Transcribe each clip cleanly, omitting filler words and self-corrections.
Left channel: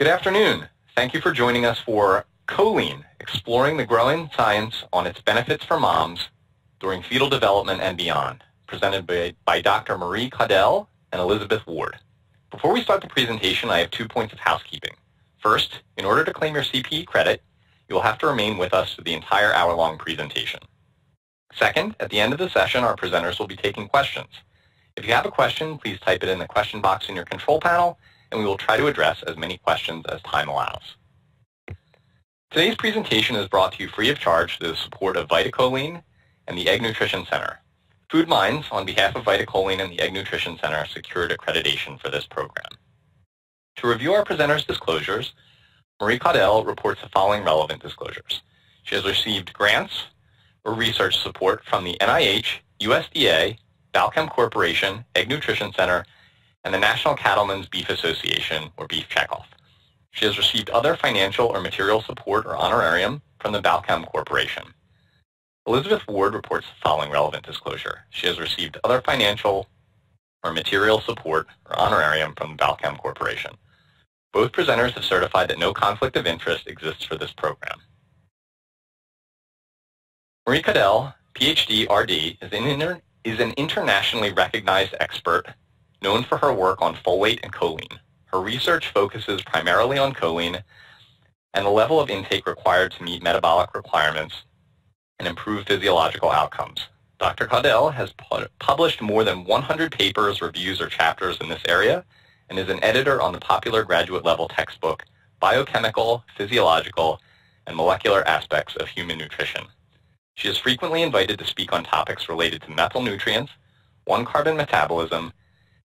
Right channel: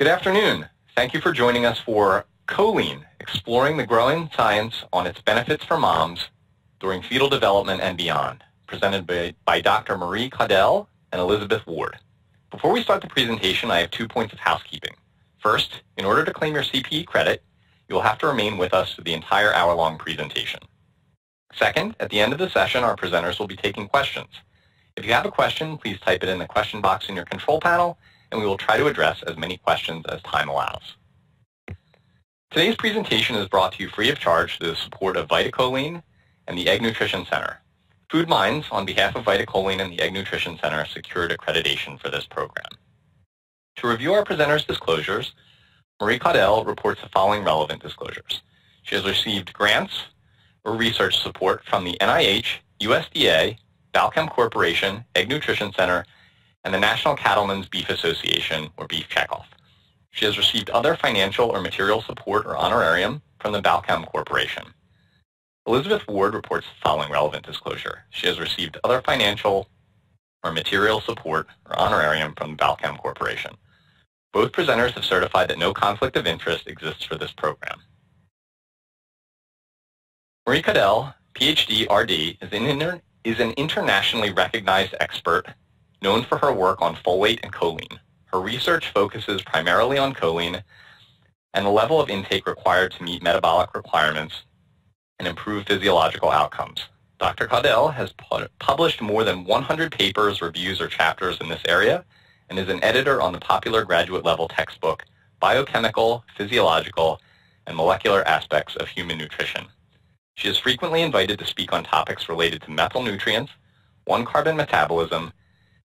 Good afternoon. Thank you for joining us for Choline, exploring the growing science on its benefits for moms during fetal development and beyond, presented by Dr. Marie Caudill and Elizabeth Ward. Before we start the presentation, I have 2 points of housekeeping. First, in order to claim your CPE credit, you will have to remain with us for the entire hour-long presentation. Second, at the end of the session, our presenters will be taking questions. If you have a question, please type it in the question box in your control panel, and we will try to address as many questions as time allows. Today's presentation is brought to you free of charge through the support of VitaCholine and the Egg Nutrition Center. Food Minds, on behalf of VitaCholine and the Egg Nutrition Center, secured accreditation for this program. To review our presenters' disclosures, Marie Caudill reports the following relevant disclosures. She has received grants or research support from the NIH, USDA, Balchem Corporation, Egg Nutrition Center, and the National Cattlemen's Beef Association, or Beef Checkoff. She has received other financial or material support or honorarium from the Balchem Corporation. Elizabeth Ward reports the following relevant disclosure. She has received other financial or material support or honorarium from the Balchem Corporation. Both presenters have certified that no conflict of interest exists for this program. Marie Caudill, PhD, RD, is an internationally recognized expert known for her work on folate and choline. Her research focuses primarily on choline and the level of intake required to meet metabolic requirements and improve physiological outcomes. Dr. Caudill has published more than 100 papers, reviews, or chapters in this area and is an editor on the popular graduate-level textbook Biochemical, Physiological, and Molecular Aspects of Human Nutrition. She is frequently invited to speak on topics related to methyl nutrients, 1-carbon metabolism,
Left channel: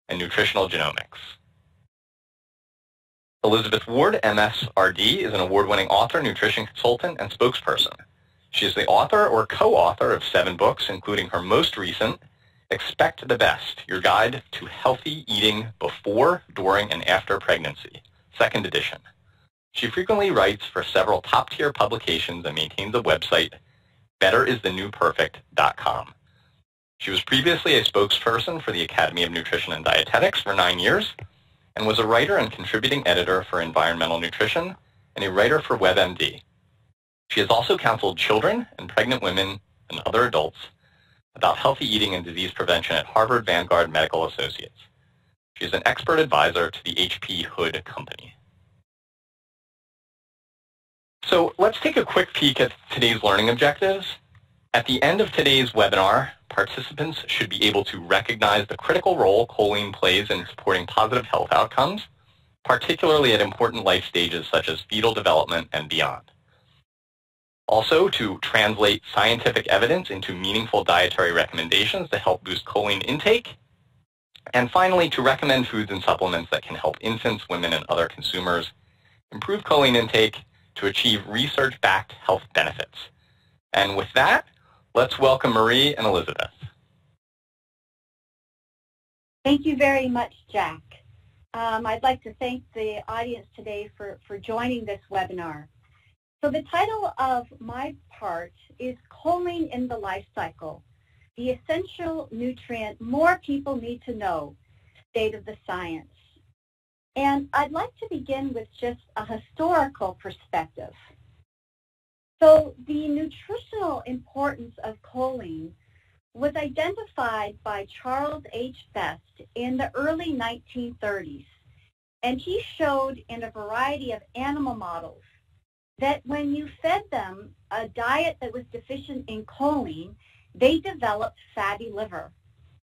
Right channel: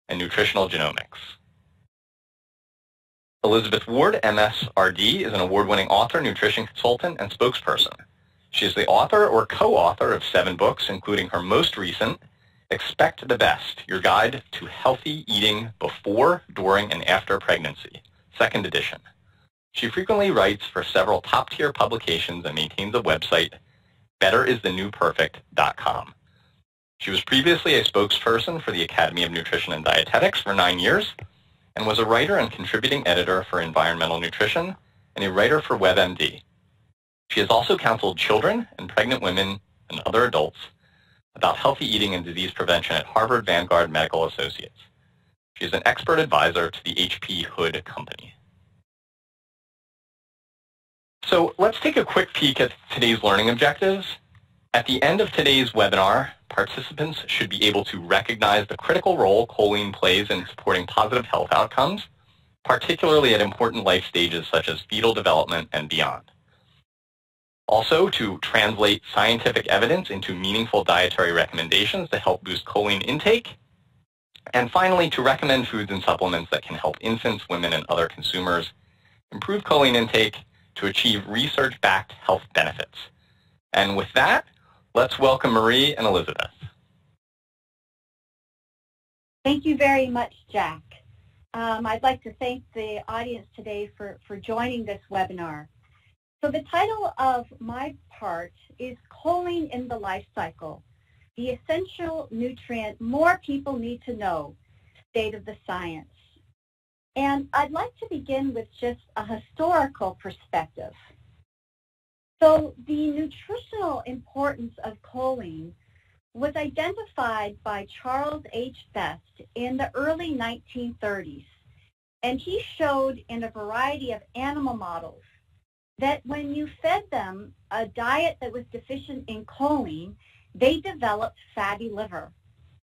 and nutritional genomics. Elizabeth Ward, MS.RD, is an award-winning author, nutrition consultant, and spokesperson. She is the author or co-author of 7 books, including her most recent, Expect the Best, Your Guide to Healthy Eating Before, During, and After Pregnancy, 2nd edition. She frequently writes for several top-tier publications and maintains a website, betteristhenewperfect.com. She was previously a spokesperson for the Academy of Nutrition and Dietetics for 9 years and was a writer and contributing editor for Environmental Nutrition and a writer for WebMD. She has also counseled children and pregnant women and other adults about healthy eating and disease prevention at Harvard Vanguard Medical Associates. She is an expert advisor to the HP Hood Company. So let's take a quick peek at today's learning objectives. At the end of today's webinar, participants should be able to recognize the critical role choline plays in supporting positive health outcomes, particularly at important life stages such as fetal development and beyond. Also, to translate scientific evidence into meaningful dietary recommendations to help boost choline intake. And finally, to recommend foods and supplements that can help infants, women, and other consumers improve choline intake to achieve research-backed health benefits. And with that, let's welcome Marie and Elizabeth. Thank you very much, Jack. I'd like to thank the audience today for joining this webinar. So the title of my part is Choline in the Life Cycle, the essential nutrient more people need to know, state of the science. And I'd like to begin with just a historical perspective. So the nutritional importance of choline was identified by Charles H. Best in the early 1930s. And he showed in a variety of animal models that when you fed them a diet that was deficient in choline, they developed fatty liver.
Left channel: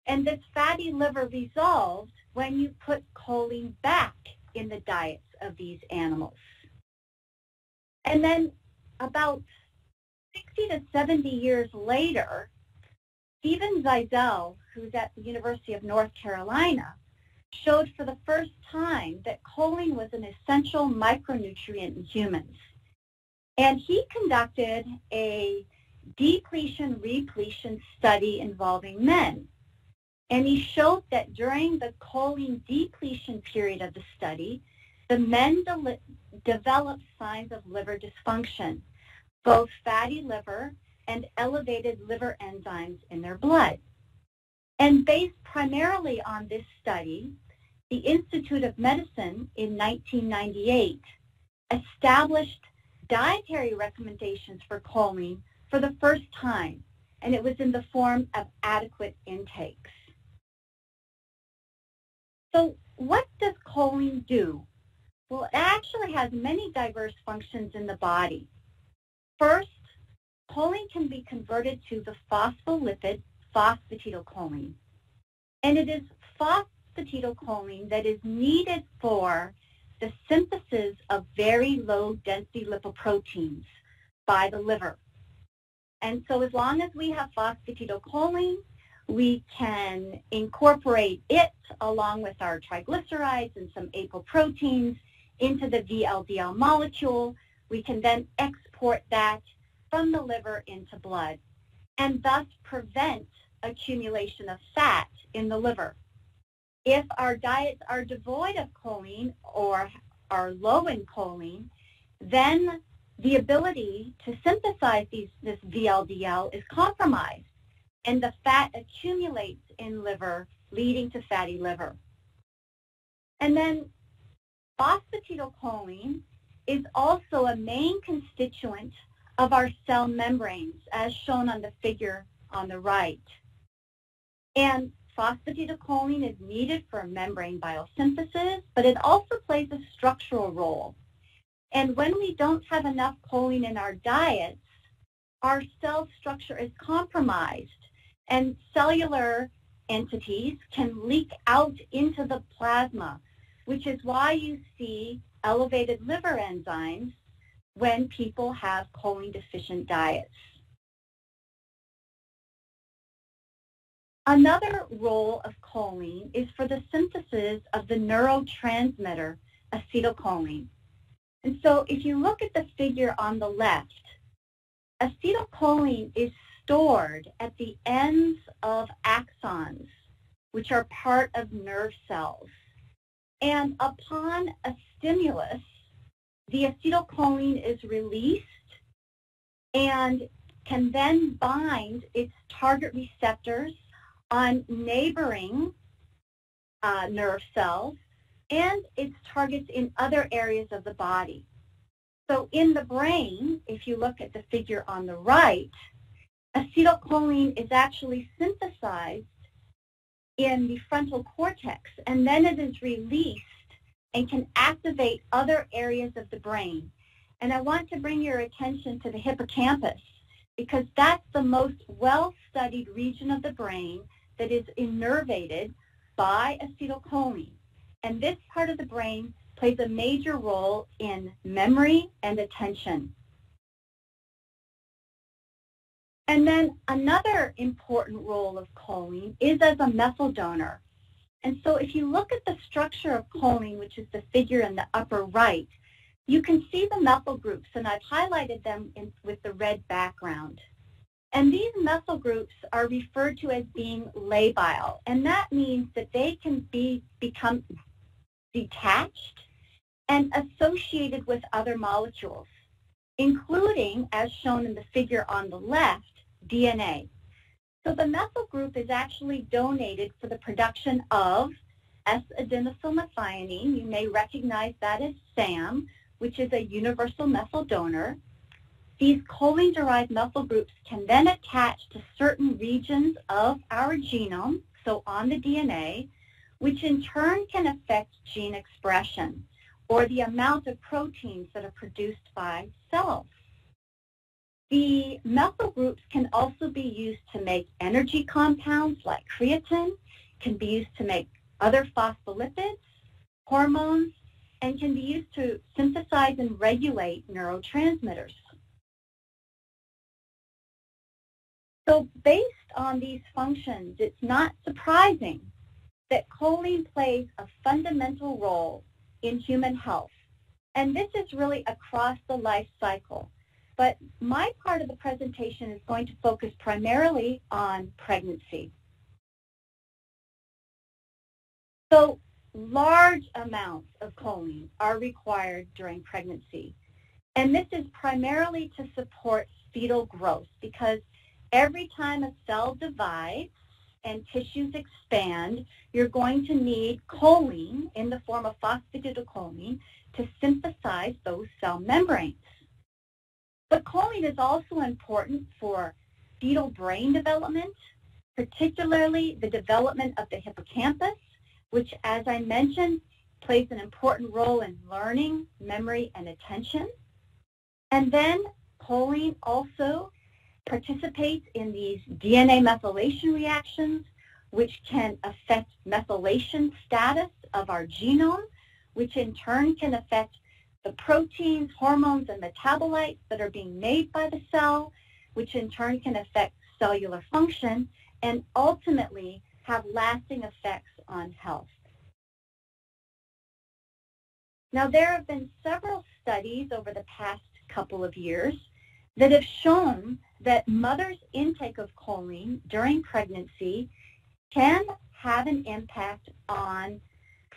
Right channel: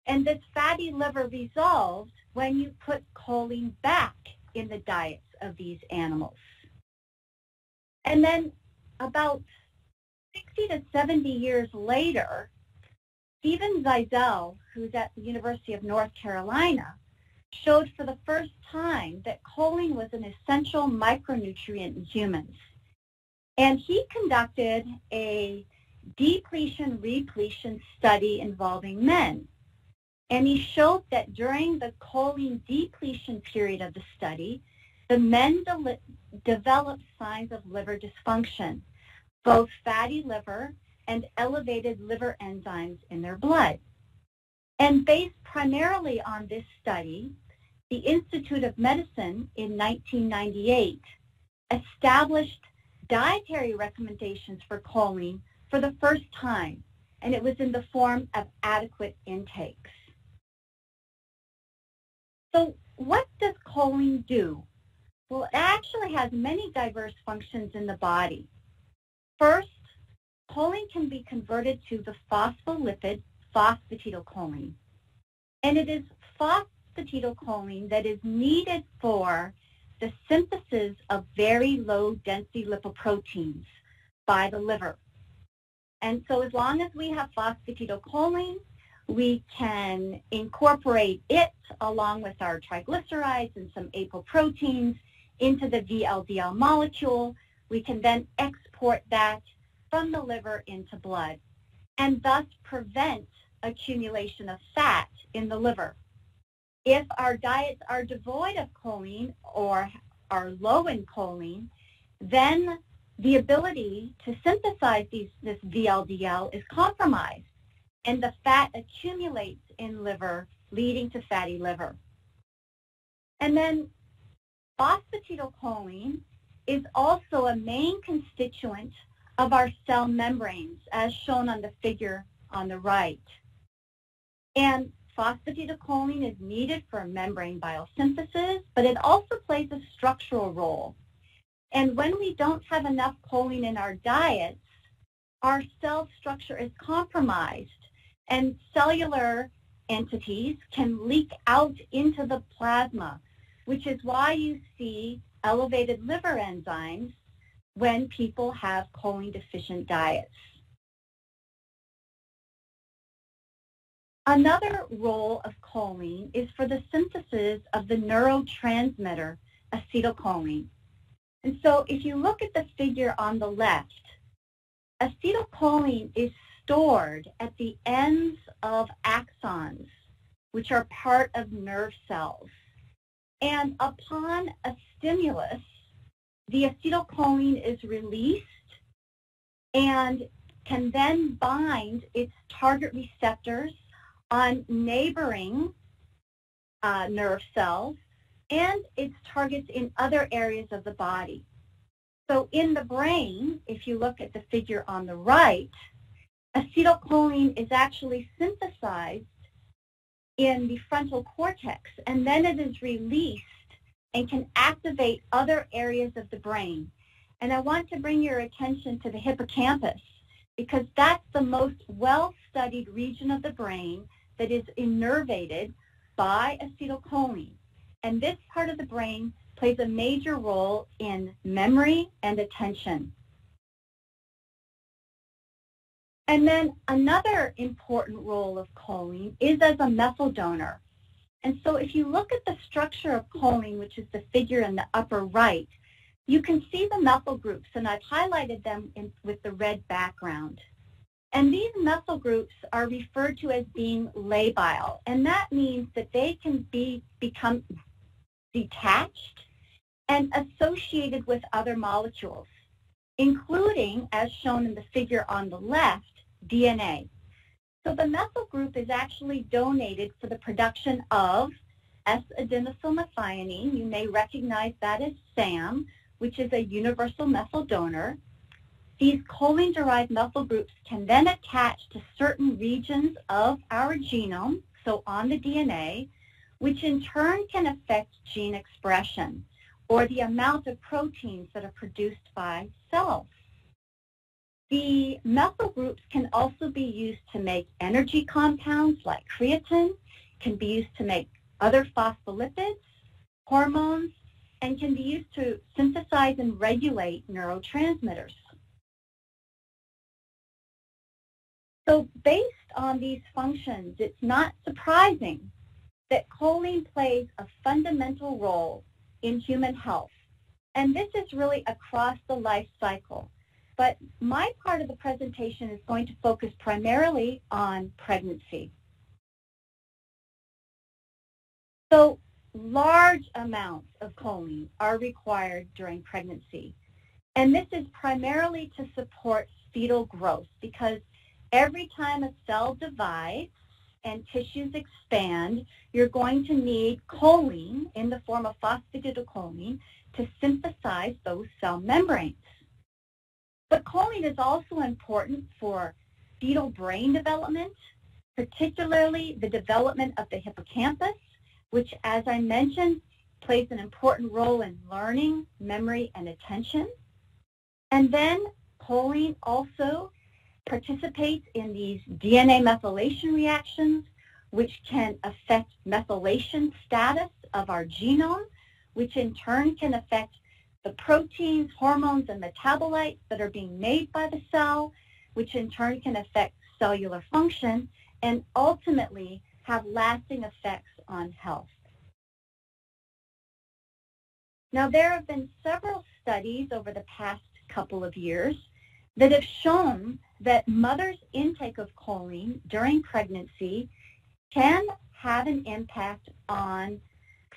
And this fatty liver resolved when you put choline back in the diets of these animals. And then about 60 to 70 years later, Stephen Zeisel, who's at the University of North Carolina, showed for the first time that choline was an essential micronutrient in humans. And he conducted a depletion-repletion study involving men. And he showed that during the choline depletion period of the study, the men developed signs of liver dysfunction, both fatty liver and elevated liver enzymes in their blood. And based primarily on this study, the Institute of Medicine in 1998 established dietary recommendations for choline for the first time, and it was in the form of adequate intakes. So what does choline do? Well, it actually has many diverse functions in the body. First, choline can be converted to the phospholipid phosphatidylcholine, and it is phosphatidylcholine that is needed for the synthesis of very low-density lipoproteins by the liver. And so as long as we have phosphatidylcholine, we can incorporate it along with our triglycerides and some apoproteins into the VLDL molecule. We can then export that from the liver into blood and thus prevent accumulation of fat in the liver. If our diets are devoid of choline or are low in choline, then the ability to synthesize this VLDL is compromised, and the fat accumulates in liver, leading to fatty liver. And then phosphatidylcholine is also a main constituent of our cell membranes, as shown on the figure on the right. And phosphatidylcholine is needed for membrane biosynthesis, but it also plays a structural role. And when we don't have enough choline in our diets, our cell structure is compromised, and cellular entities can leak out into the plasma, which is why you see elevated liver enzymes when people have choline-deficient diets. Another role of choline is for the synthesis of the neurotransmitter acetylcholine. And so if you look at the figure on the left, acetylcholine is stored at the ends of axons, which are part of nerve cells. And upon a stimulus, the acetylcholine is released and can then bind its target receptors on neighboring nerve cells and its targets in other areas of the body. So in the brain, if you look at the figure on the right, acetylcholine is actually synthesized in the frontal cortex, and then it is released and can activate other areas of the brain. And I want to bring your attention to the hippocampus, because that's the most well-studied region of the brain that is innervated by acetylcholine. And this part of the brain plays a major role in memory and attention. And then another important role of choline is as a methyl donor. And so if you look at the structure of choline, which is the figure in the upper right, you can see the methyl groups, and I've highlighted them with the red background. And these methyl groups are referred to as being labile, and that means that they can become detached and associated with other molecules, including, as shown in the figure on the left, DNA. So the methyl group is actually donated for the production of S-adenosylmethionine. You may recognize that as SAM, which is a universal methyl donor. These choline-derived methyl groups can then attach to certain regions of our genome, so on the DNA, which in turn can affect gene expression or the amount of proteins that are produced by cells. The methyl groups can also be used to make energy compounds like creatine, can be used to make other phospholipids, hormones, and can be used to synthesize and regulate neurotransmitters. So based on these functions, it's not surprising that choline plays a fundamental role in human health. And this is really across the life cycle. But my part of the presentation is going to focus primarily on pregnancy. So large amounts of choline are required during pregnancy. And this is primarily to support fetal growth, because every time a cell divides and tissues expand, you're going to need choline in the form of phosphatidylcholine to synthesize those cell membranes. But choline is also important for fetal brain development, particularly the development of the hippocampus, which, as I mentioned, plays an important role in learning, memory, and attention. And then choline also participates in these DNA methylation reactions, which can affect methylation status of our genome, which in turn can affect the proteins, hormones, and metabolites that are being made by the cell, which in turn can affect cellular function and ultimately have lasting effects on health. Now, there have been several studies over the past couple of years that have shown that mothers' intake of choline during pregnancy can have an impact on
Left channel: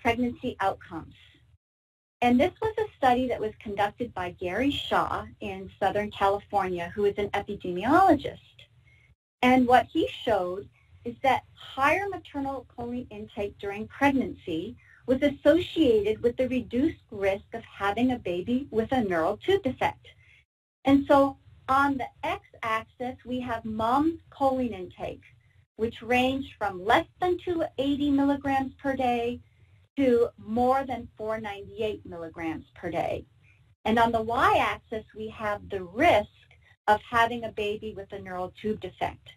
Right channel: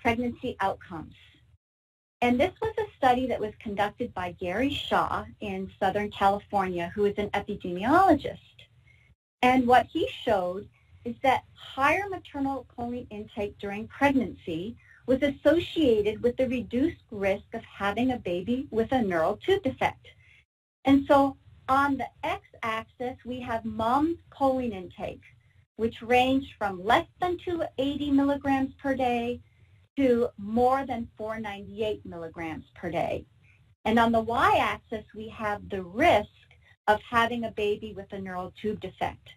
pregnancy outcomes. And this was a study that was conducted by Gary Shaw in Southern California, who is an epidemiologist. And what he showed is that higher maternal choline intake during pregnancy was associated with the reduced risk of having a baby with a neural tube defect. And so on the x-axis, we have mom's choline intake, which ranged from less than 280 milligrams per day to more than 498 milligrams per day. And on the y-axis, we have the risk of having a baby with a neural tube defect.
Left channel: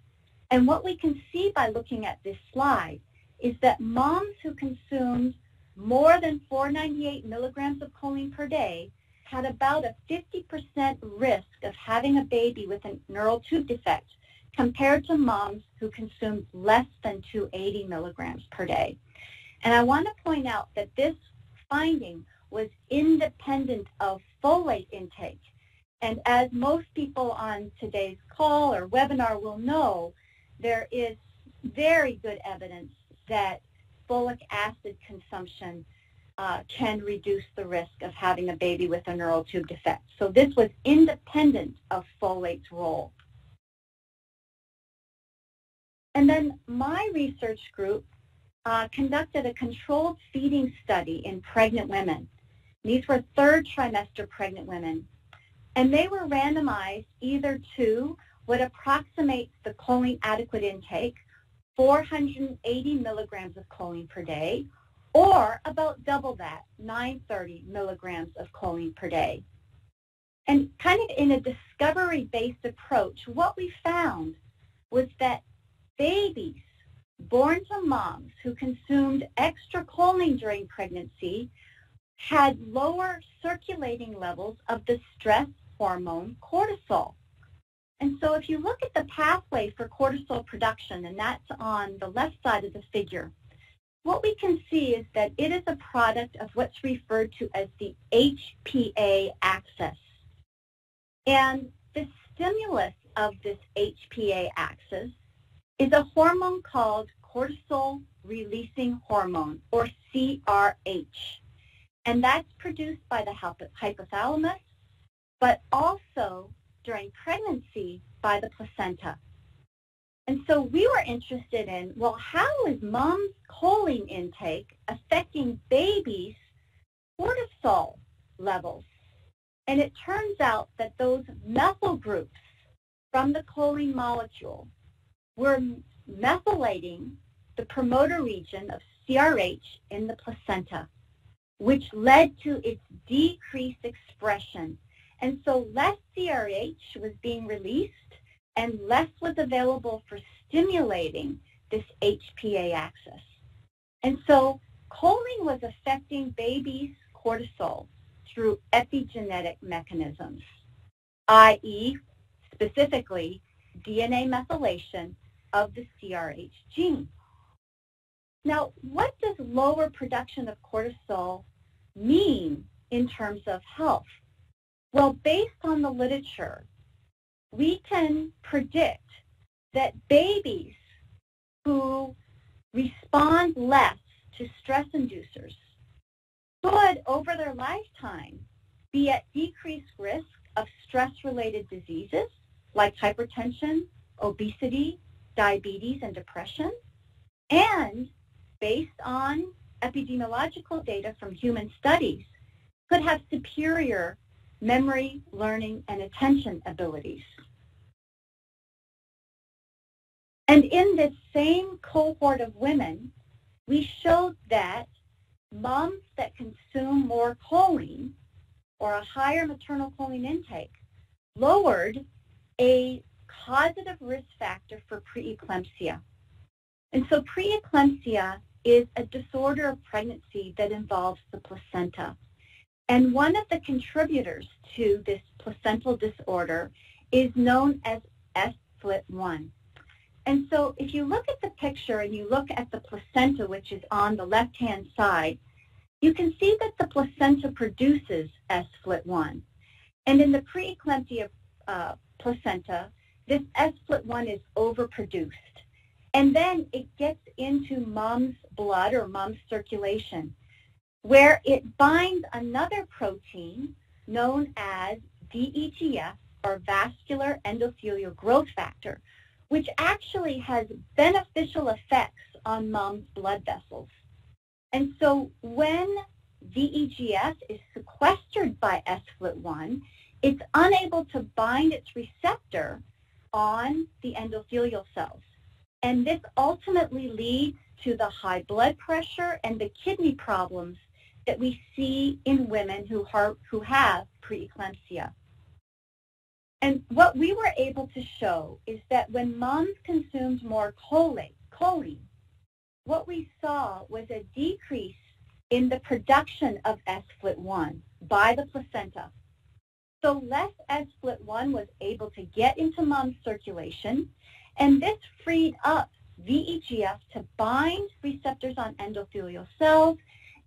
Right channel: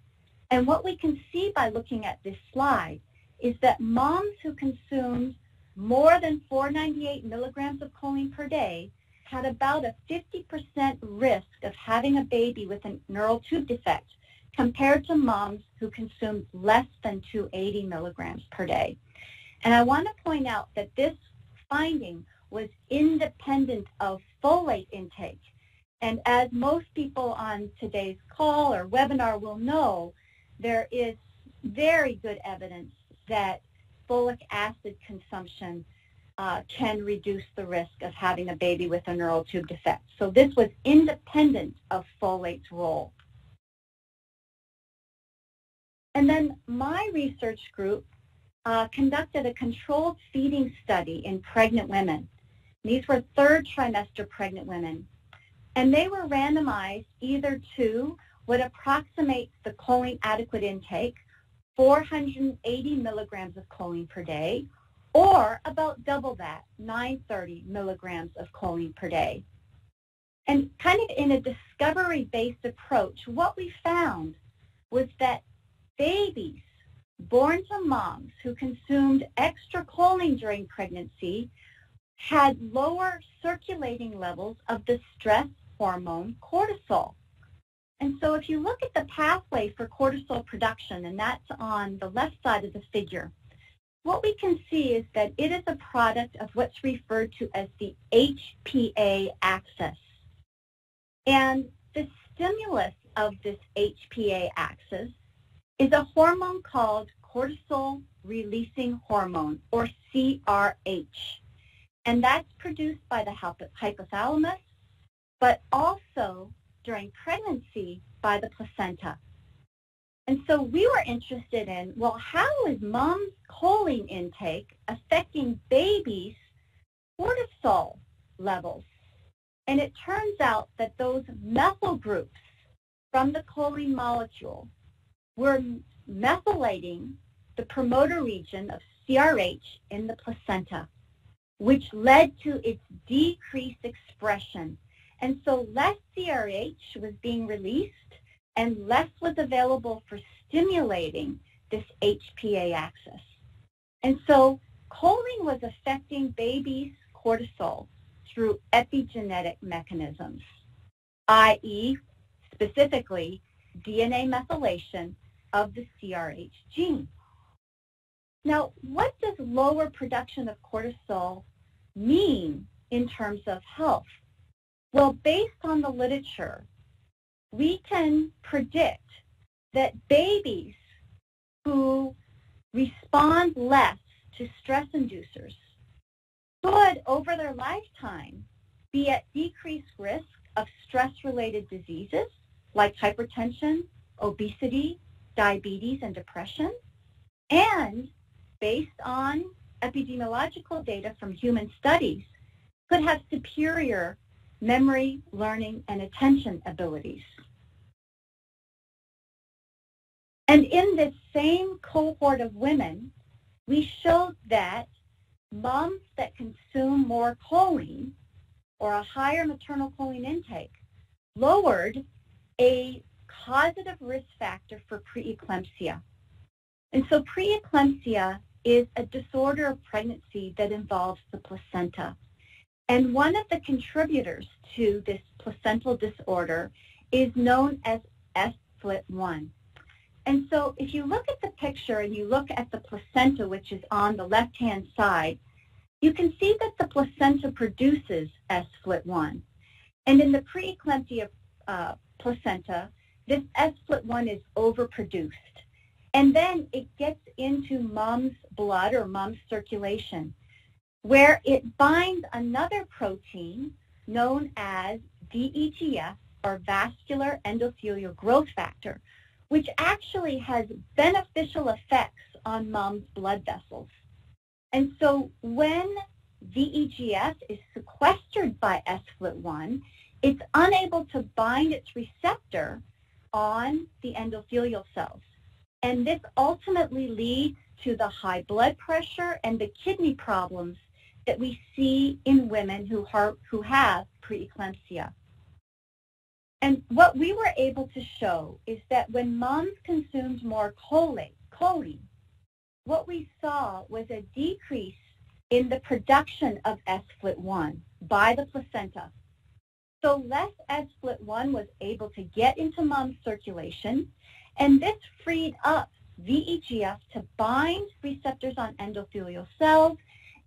And what we can see by looking at this slide is that moms who consumed more than 498 milligrams of choline per day had about a 50% risk of having a baby with a neural tube defect compared to moms who consumed less than 280 milligrams per day. And I want to point out that this finding was independent of folate intake. And as most people on today's call or webinar will know, there is very good evidence that folic acid consumption can reduce the risk of having a baby with a neural tube defect. So this was independent of folate's role. And then my research group conducted a controlled feeding study in pregnant women. These were third trimester pregnant women. And they were randomized either to what approximates the choline adequate intake, 480 milligrams of choline per day, or about double that, 930 milligrams of choline per day. And kind of in a discovery-based approach, what we found was that babies born to moms who consumed extra choline during pregnancy had lower circulating levels of the stress hormone cortisol. And so if you look at the pathway for cortisol production, and that's on the left side of the figure, what we can see is that it is a product of what's referred to as the HPA axis. And the stimulus of this HPA axis is a hormone called cortisol-releasing hormone, or CRH. And that's produced by the hypothalamus, but also during pregnancy by the placenta. And so we were interested in, well, how is mom's choline intake affecting babies' cortisol levels? And it turns out that those methyl groups from the choline molecule were methylating the promoter region of CRH in the placenta, which led to its decreased expression. And so less CRH was being released and less was available for stimulating this HPA axis. And so choline was affecting babies' cortisol through epigenetic mechanisms, i.e., specifically DNA methylation of the CRH gene. Now, what does lower production of cortisol mean in terms of health? Well, based on the literature, we can predict that babies who respond less to stress inducers could, over their lifetime, be at decreased risk of stress-related diseases like hypertension, obesity, diabetes, and depression. and based on epidemiological data from human studies, could have superior memory, learning, and attention abilities. And in this same cohort of women, we showed that moms that consume more choline or a higher maternal choline intake lowered a causative risk factor for preeclampsia. And so preeclampsia is a disorder of pregnancy that involves the placenta. And one of the contributors to this placental disorder is known as FLT1. And so if you look at the picture and you look at the placenta, which is on the left-hand side, you can see that the placenta produces FLT1. And in the preeclampsia placenta, this FLT1 is overproduced. And then it gets into mom's blood or mom's circulation, where it binds another protein known as VEGF, or vascular endothelial growth factor, which actually has beneficial effects on mom's blood vessels. And so when VEGF is sequestered by FLT1, it's unable to bind its receptor on the endothelial cells. And this ultimately leads to the high blood pressure and the kidney problems that we see in women who have preeclampsia. And what we were able to show is that when moms consumed more choline, what we saw was a decrease in the production of FLT1 by the placenta. So less FLT1 was able to get into mom's circulation, and this freed up VEGF to bind receptors on endothelial cells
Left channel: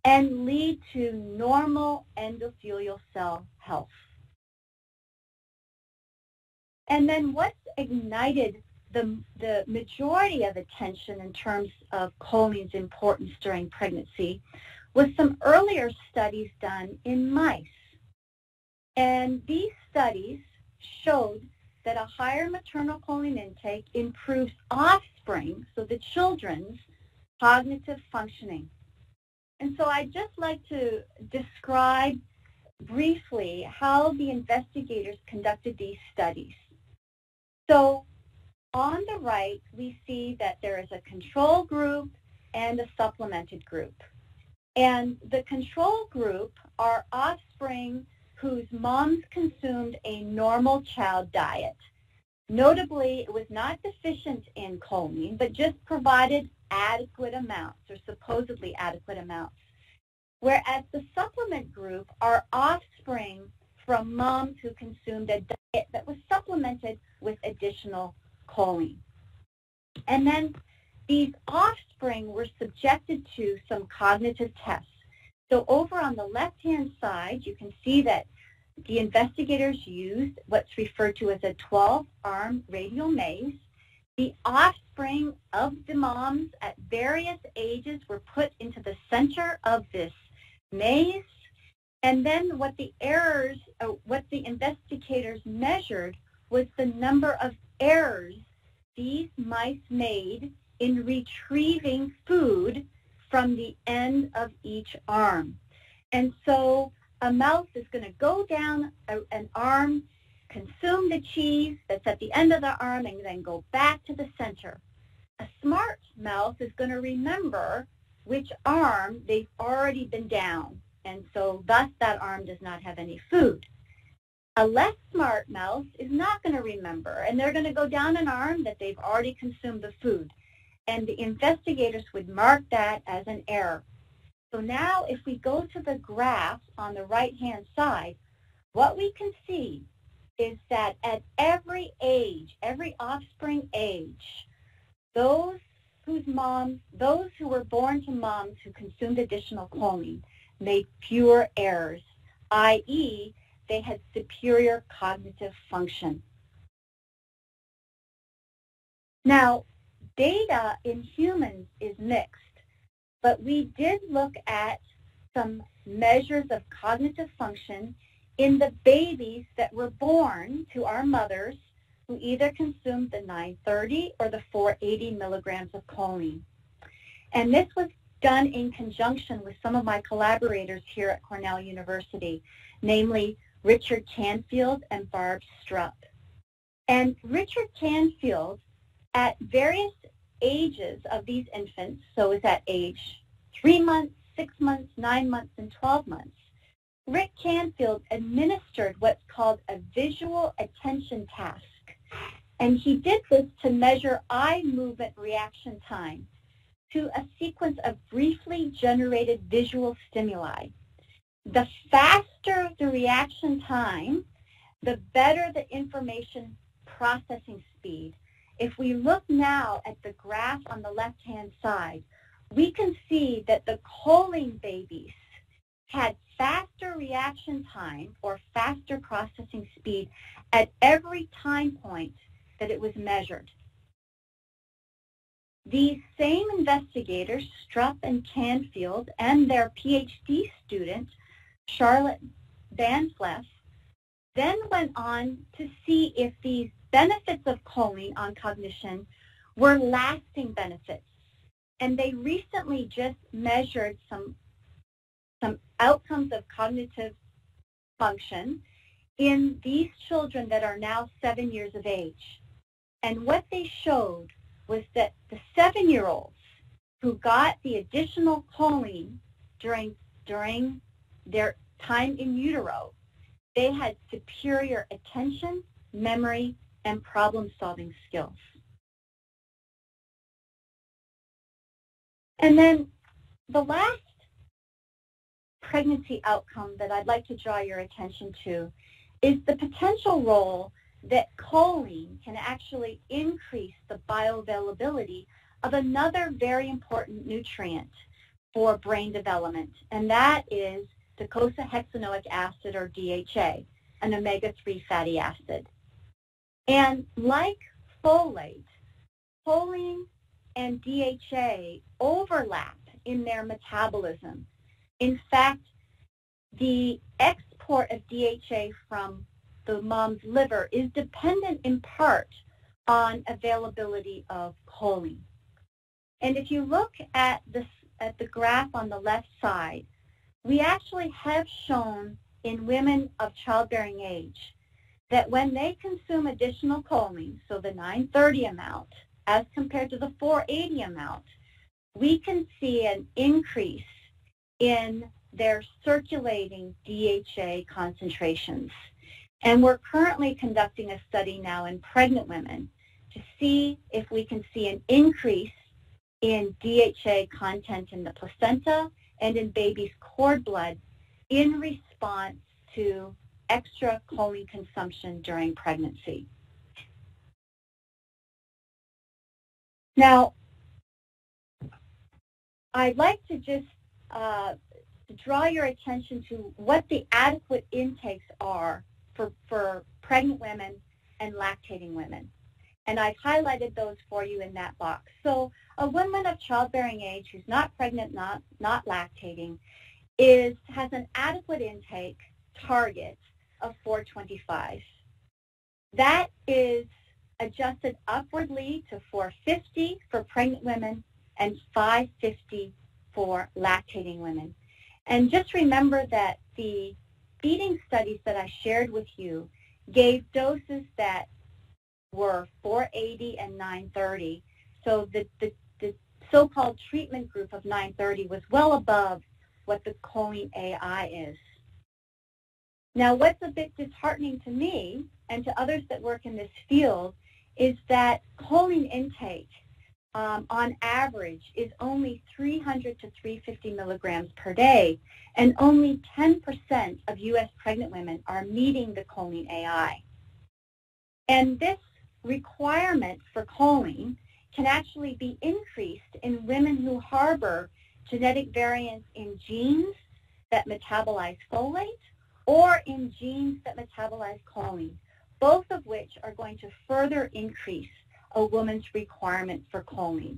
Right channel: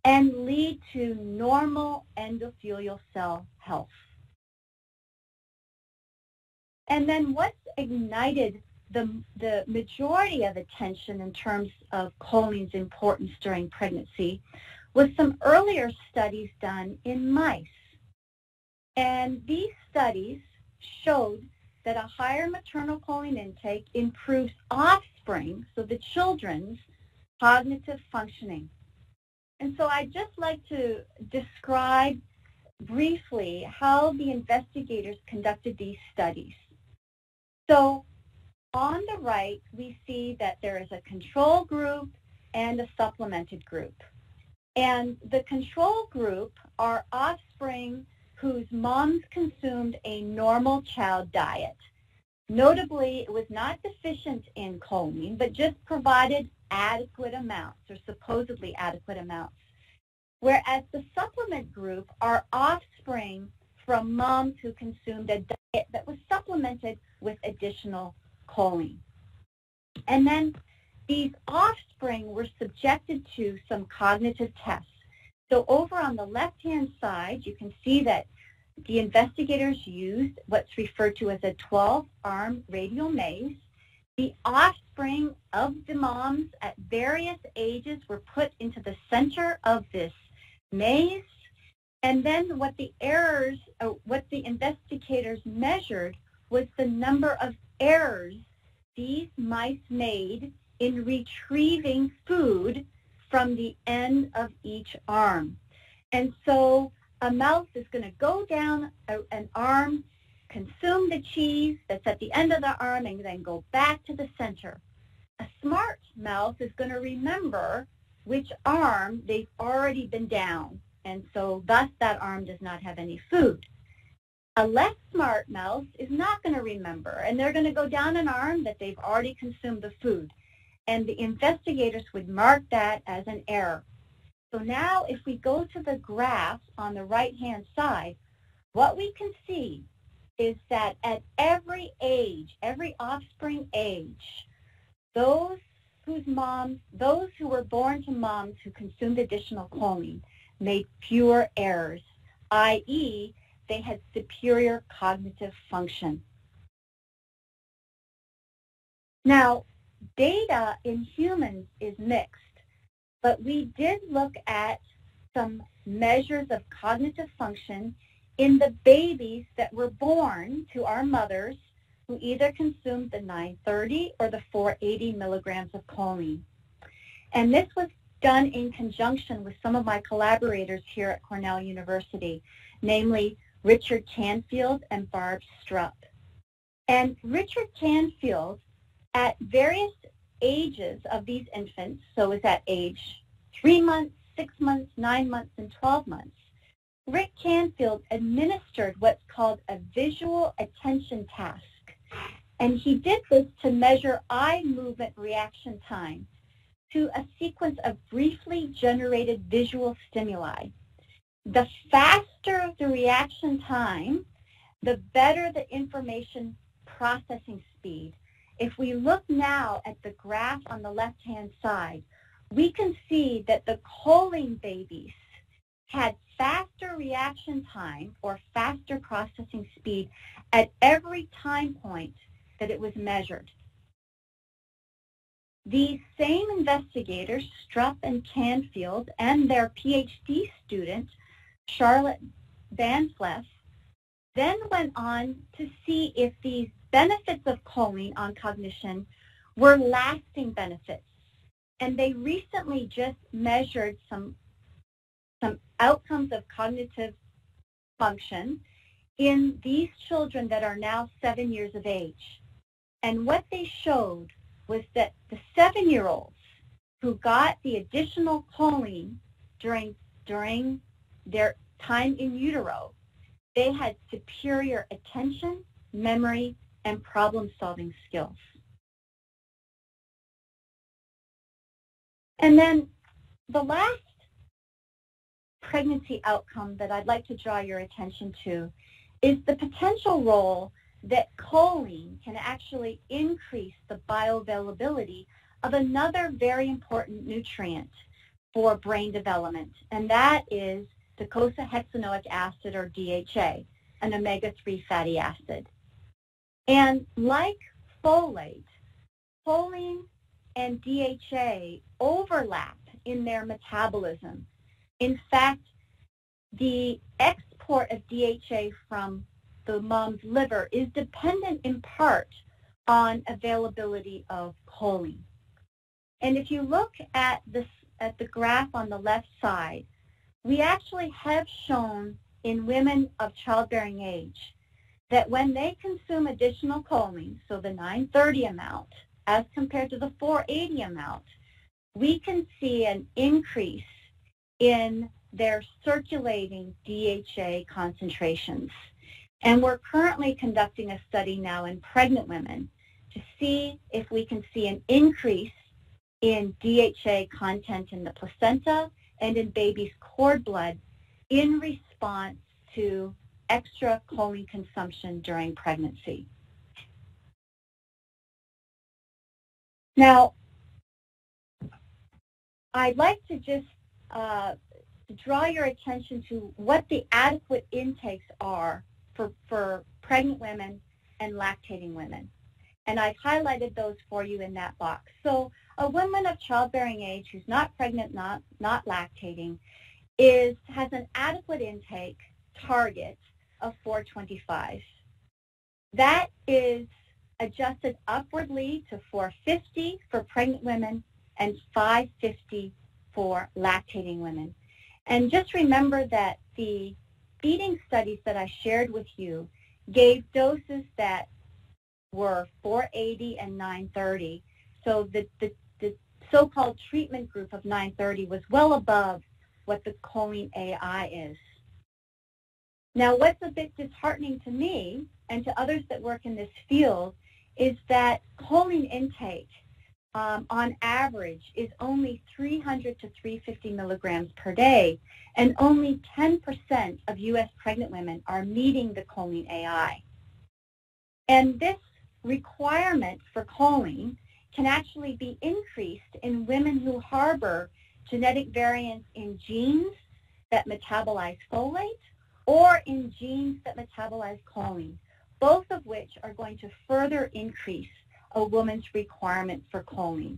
and lead to normal endothelial cell health. And then what's ignited the majority of attention in terms of choline's importance during pregnancy was some earlier studies done in mice. And these studies showed that a higher maternal choline intake improves offspring, so the children's cognitive functioning. And so I'd just like to describe briefly how the investigators conducted these studies. So on the right, we see that there is a control group and a supplemented group. And the control group are offspring whose moms consumed a normal child diet. Notably, it was not deficient in choline, but just provided adequate amounts, or supposedly adequate amounts. Whereas the supplement group are offspring from moms who consumed a diet that was supplemented with additional choline. And then these offspring were subjected to some cognitive tests. So over on the left-hand side, you can see that the investigators used what's referred to as a 12-arm radial maze. The offspring of the moms at various ages were put into the center of this maze. And then what the investigators measured was the number of errors these mice made in retrieving food from the end of each arm. And so a mouse is going to go down an arm, consume the cheese that's at the end of the arm, and then go back to the center. A smart mouse is going to remember which arm they've already been down, and so thus that arm does not have any food. A less smart mouse is not going to remember, and they're going to go down an arm that they've already consumed the food. And the investigators would mark that as an error. So now if we go to the graph on the right-hand side, what we can see is that at every age, every offspring age, those who were born to moms who consumed additional choline made fewer errors, i.e., they had superior cognitive function. Now, data in humans is mixed, but we did look at some measures of cognitive function in the babies that were born to our mothers who either consumed the 930 or the 480 milligrams of choline. And this was done in conjunction with some of my collaborators here at Cornell University, namely Richard Canfield and Barb Strupp. And Richard Canfield, at various ages of these infants, so is at age 3 months, 6 months, 9 months, and 12 months, Rick Canfield administered what's called a visual attention task. And he did this to measure eye movement reaction time to a sequence of briefly generated visual stimuli. The faster the reaction time, the better the information processing speed. If we look now at the graph on the left-hand side, we can see that the choline babies had faster reaction time or faster processing speed at every time point that it was measured. These same investigators, Strupp and Canfield, and their PhD student, Charlotte Van Fleff, then went on to see if these benefits of choline on cognition were lasting benefits. And they recently just measured some outcomes of cognitive function in these children that are now 7 years of age. And what they showed was that the 7-year-olds who got the additional choline during their time in utero, they had superior attention, memory, and problem-solving skills. And then the last pregnancy outcome that I'd like to draw your attention to is the potential role that choline can actually increase the bioavailability of another very important nutrient for brain development, and that is docosahexaenoic acid, or DHA, an omega-3 fatty acid. And like folate, choline and DHA overlap in their metabolism. In fact, the export of DHA from the mom's liver is dependent in part on availability of choline. And if you look at the graph on the left side, we actually have shown in women of childbearing age that when they consume additional choline, so the 930 amount, as compared to the 480 amount, we can see an increase in their circulating DHA concentrations. And we're currently conducting a study now in pregnant women to see if we can see an increase in DHA content in the placenta and in babies' cord blood in response to extra choline consumption during pregnancy. Now, I'd like to just draw your attention to what the adequate intakes are for pregnant women and lactating women. And I've highlighted those for you in that box. So a woman of childbearing age who's not pregnant, not lactating, has an adequate intake target of 425. That is adjusted upwardly to 450 for pregnant women and 550 for lactating women. And just remember that the feeding studies that I shared with you gave doses that were 480 and 930. So the so-called treatment group of 930 was well above what the choline AI is. Now, what's a bit disheartening to me and to others that work in this field is that choline intake on average is only 300 to 350 milligrams per day, and only 10% of U.S. pregnant women are meeting the choline AI. And this requirement for choline can actually be increased in women who harbor genetic variants in genes that metabolize folate or in genes that metabolize choline, both of which are going to further increase a woman's requirement for choline,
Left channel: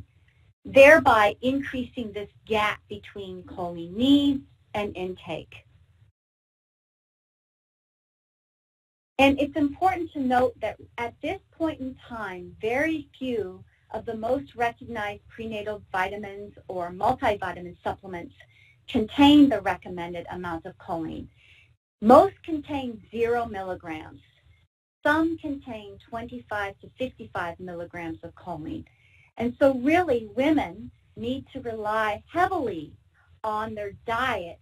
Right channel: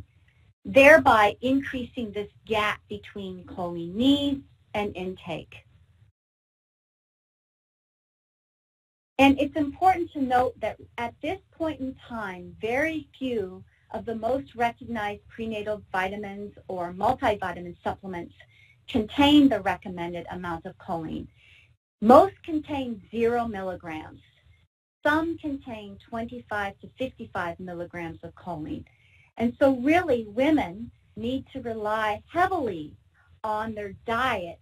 thereby increasing this gap between choline needs and intake. And it's important to note that at this point in time, very few of the most recognized prenatal vitamins or multivitamin supplements contain the recommended amount of choline. Most contain 0 milligrams. Some contain 25 to 55 milligrams of choline. And so really women need to rely heavily on their diet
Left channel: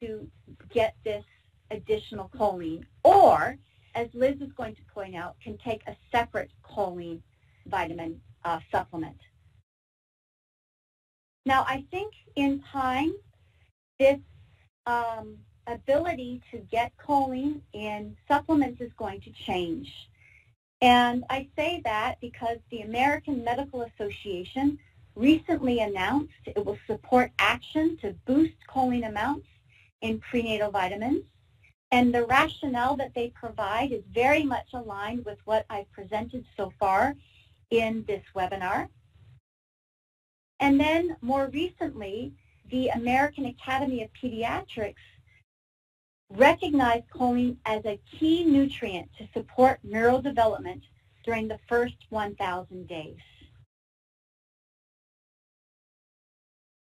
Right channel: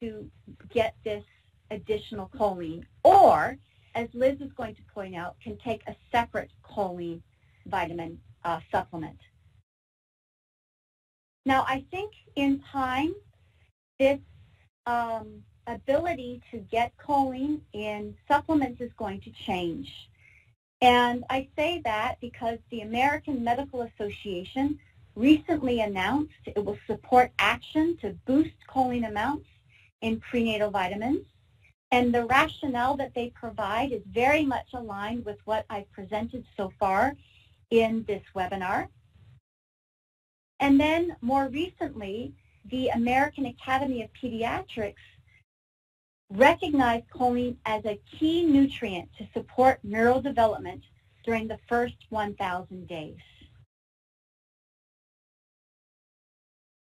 to get this additional choline, or, as Liz is going to point out, can take a separate choline vitamin supplement. Now, I think in time, this ability to get choline in supplements is going to change. And I say that because the American Medical Association recently announced it will support action to boost choline amounts in prenatal vitamins. And the rationale that they provide is very much aligned with what I've presented so far in this webinar. And then more recently, the American Academy of Pediatrics recognized choline as a key nutrient to support neurodevelopment during the first 1,000 days.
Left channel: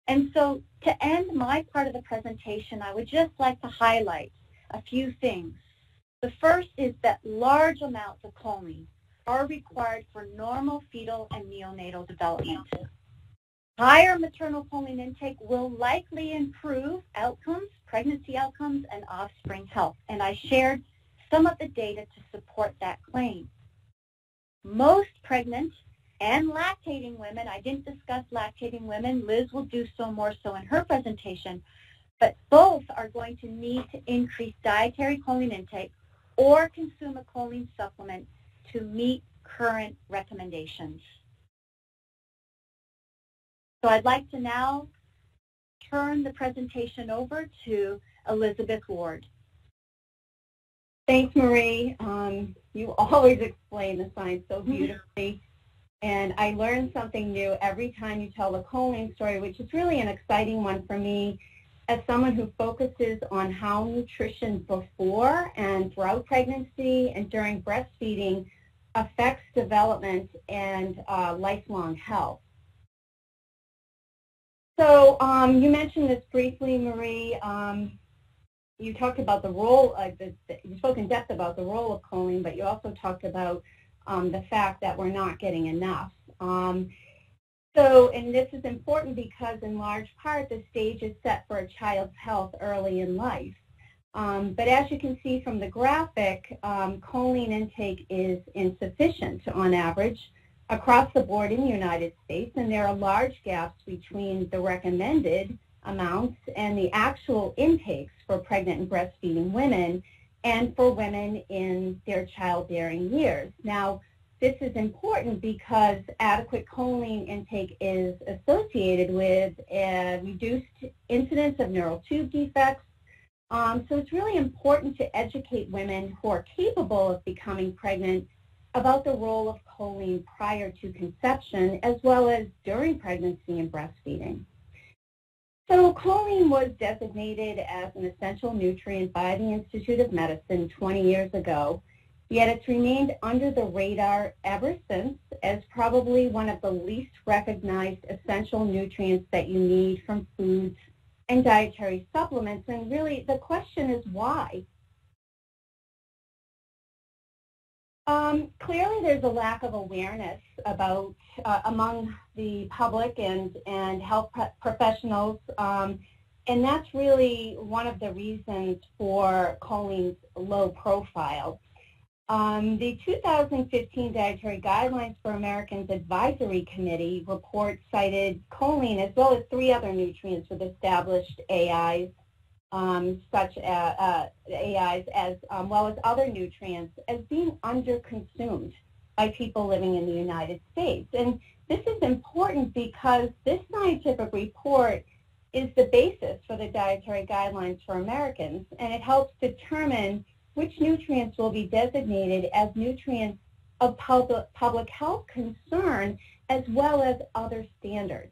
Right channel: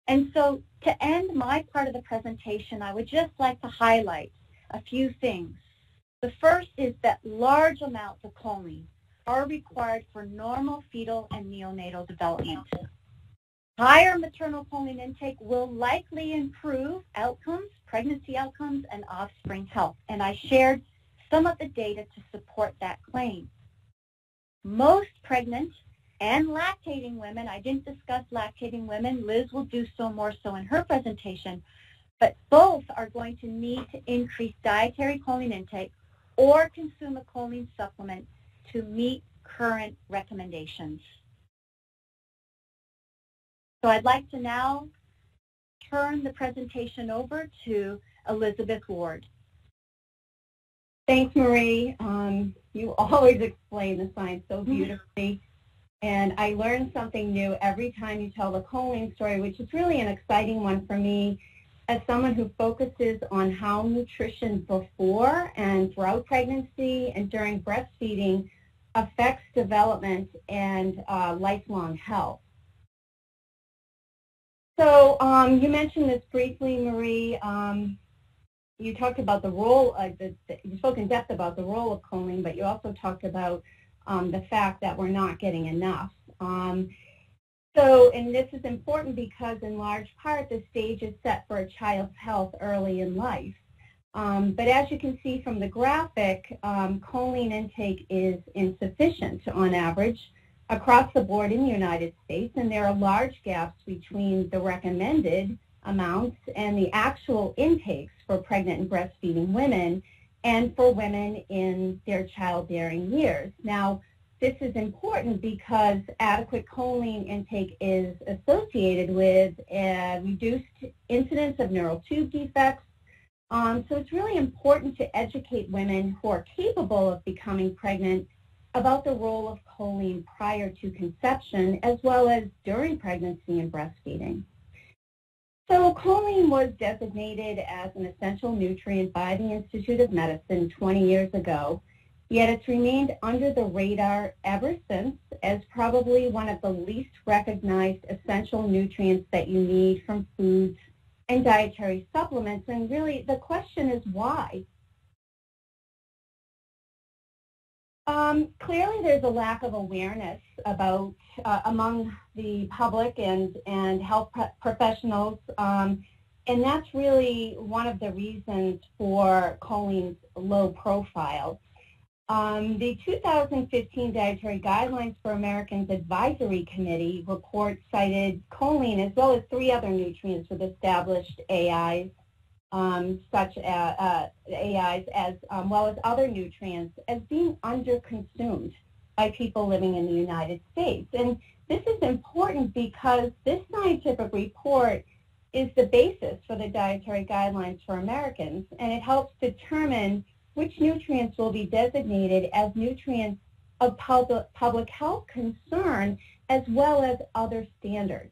And so to end my part of the presentation, I would just like to highlight a few things. The first is that large amounts of choline are required for normal fetal and neonatal development. Higher maternal choline intake will likely improve outcomes, pregnancy outcomes, and offspring health. And I shared some of the data to support that claim. Most pregnant and lactating women, I didn't discuss lactating women, Liz will do so more so in her presentation, but both are going to need to increase dietary choline intake or consume a choline supplement to meet current recommendations. So I'd like to now turn the presentation over to Elizabeth Ward. Thanks, Marie. You always explain the science so beautifully. And I learn something new every time you tell the choline story, which is really an exciting one for me as someone who focuses on how nutrition before and throughout pregnancy and during breastfeeding affects development and lifelong health. So you mentioned this briefly, Marie. You talked about the role, you spoke in depth about the role of choline, but you also talked about the fact that we're not getting enough. And this is important because in large part the stage is set for a child's health early in life. But as you can see from the graphic, choline intake is insufficient on average across the board in the United States, and there are large gaps between the recommended amounts and the actual intakes for pregnant and breastfeeding women and for women in their childbearing years. Now, this is important because adequate choline intake is associated with a reduced incidence of neural tube defects. So it's really important to educate women who are capable of becoming pregnant about the role of choline prior to conception as well as during pregnancy and breastfeeding. So choline was designated as an essential nutrient by the Institute of Medicine 20 years ago, yet it's remained under the radar ever since as probably one of the least recognized essential nutrients that you need from foods and dietary supplements. And really the question is why? Clearly there's a lack of awareness about among the public and health professionals, and that's really one of the reasons for choline's low profile. The 2015 Dietary Guidelines for Americans Advisory Committee report cited choline as well as 3 other nutrients with established AIs, such as AIs as well as other nutrients as being underconsumed by people living in the United States. And this is important because this scientific report is the basis for the Dietary Guidelines for Americans, and it helps determine which nutrients will be designated as nutrients of public health concern as well as other standards.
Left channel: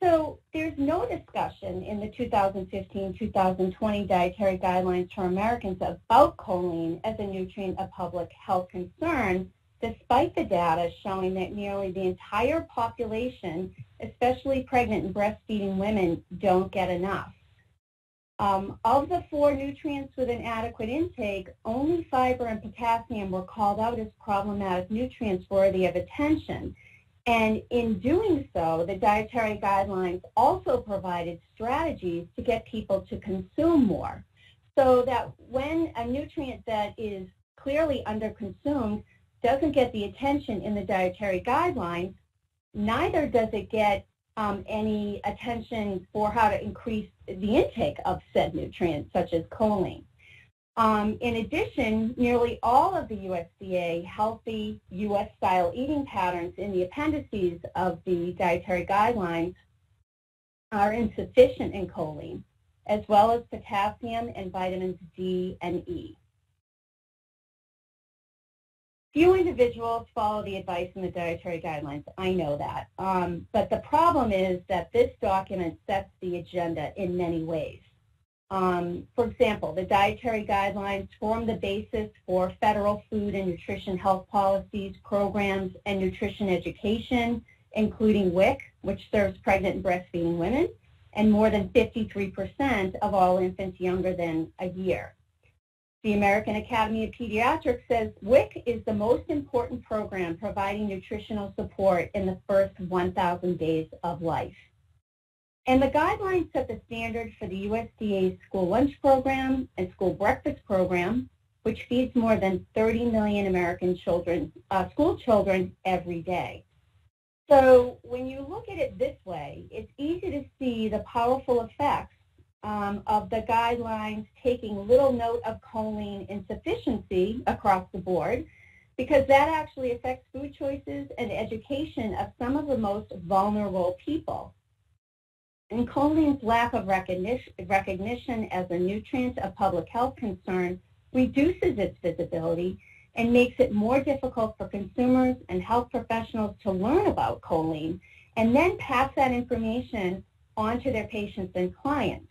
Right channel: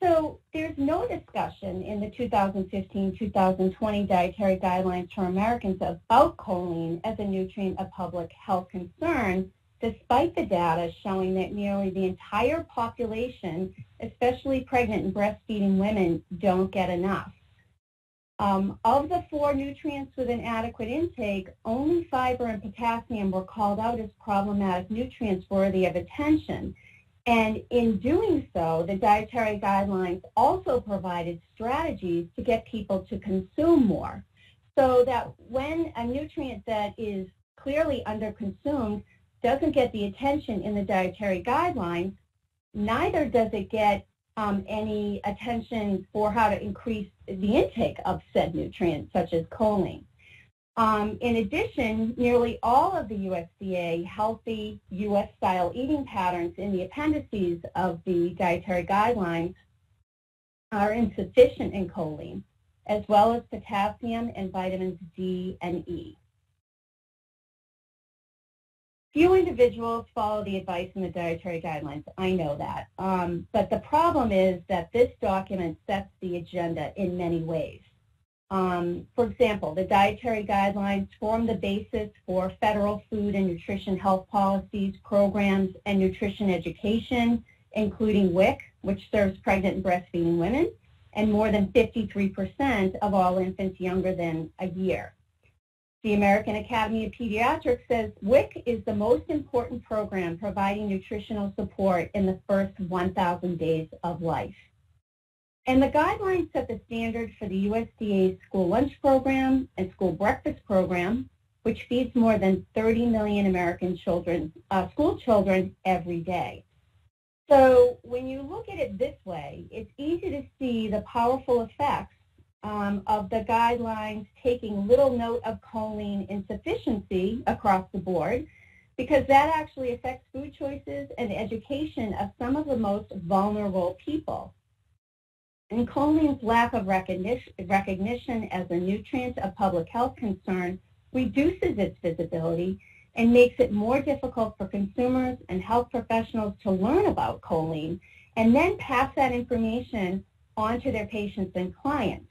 So there's no discussion in the 2015-2020 Dietary Guidelines for Americans about choline as a nutrient of public health concern, despite the data showing that nearly the entire population, especially pregnant and breastfeeding women, don't get enough. Of the 4 nutrients with an adequate intake, only fiber and potassium were called out as problematic nutrients worthy of attention. And in doing so, the dietary guidelines also provided strategies to get people to consume more, so that when a nutrient that is clearly underconsumed doesn't get the attention in the dietary guidelines, neither does it get any attention for how to increase the intake of said nutrients, such as choline. In addition, nearly all of the USDA healthy U.S.-style eating patterns in the appendices of the dietary guidelines are insufficient in choline, as well as potassium and vitamins D and E. Few individuals follow the advice in the dietary guidelines. I know that. But the problem is that this document sets the agenda in many ways. For example, the dietary guidelines form the basis for federal food and nutrition health policies, programs, and nutrition education, including WIC, which serves pregnant and breastfeeding women, and more than 53% of all infants younger than a year. The American Academy of Pediatrics says WIC is the most important program providing nutritional support in the first 1,000 days of life. And the guidelines set the standard for the USDA's school lunch program and school breakfast program, which feeds more than 30 million American children, school children every day. So when you look at it this way, it's easy to see the powerful effects of the guidelines taking little note of choline insufficiency across the board, because that actually affects food choices and education of some of the most vulnerable people. And choline's lack of recognition as a nutrient of public health concern reduces its visibility and makes it more difficult for consumers and health professionals to learn about choline and then pass that information on to their patients and clients.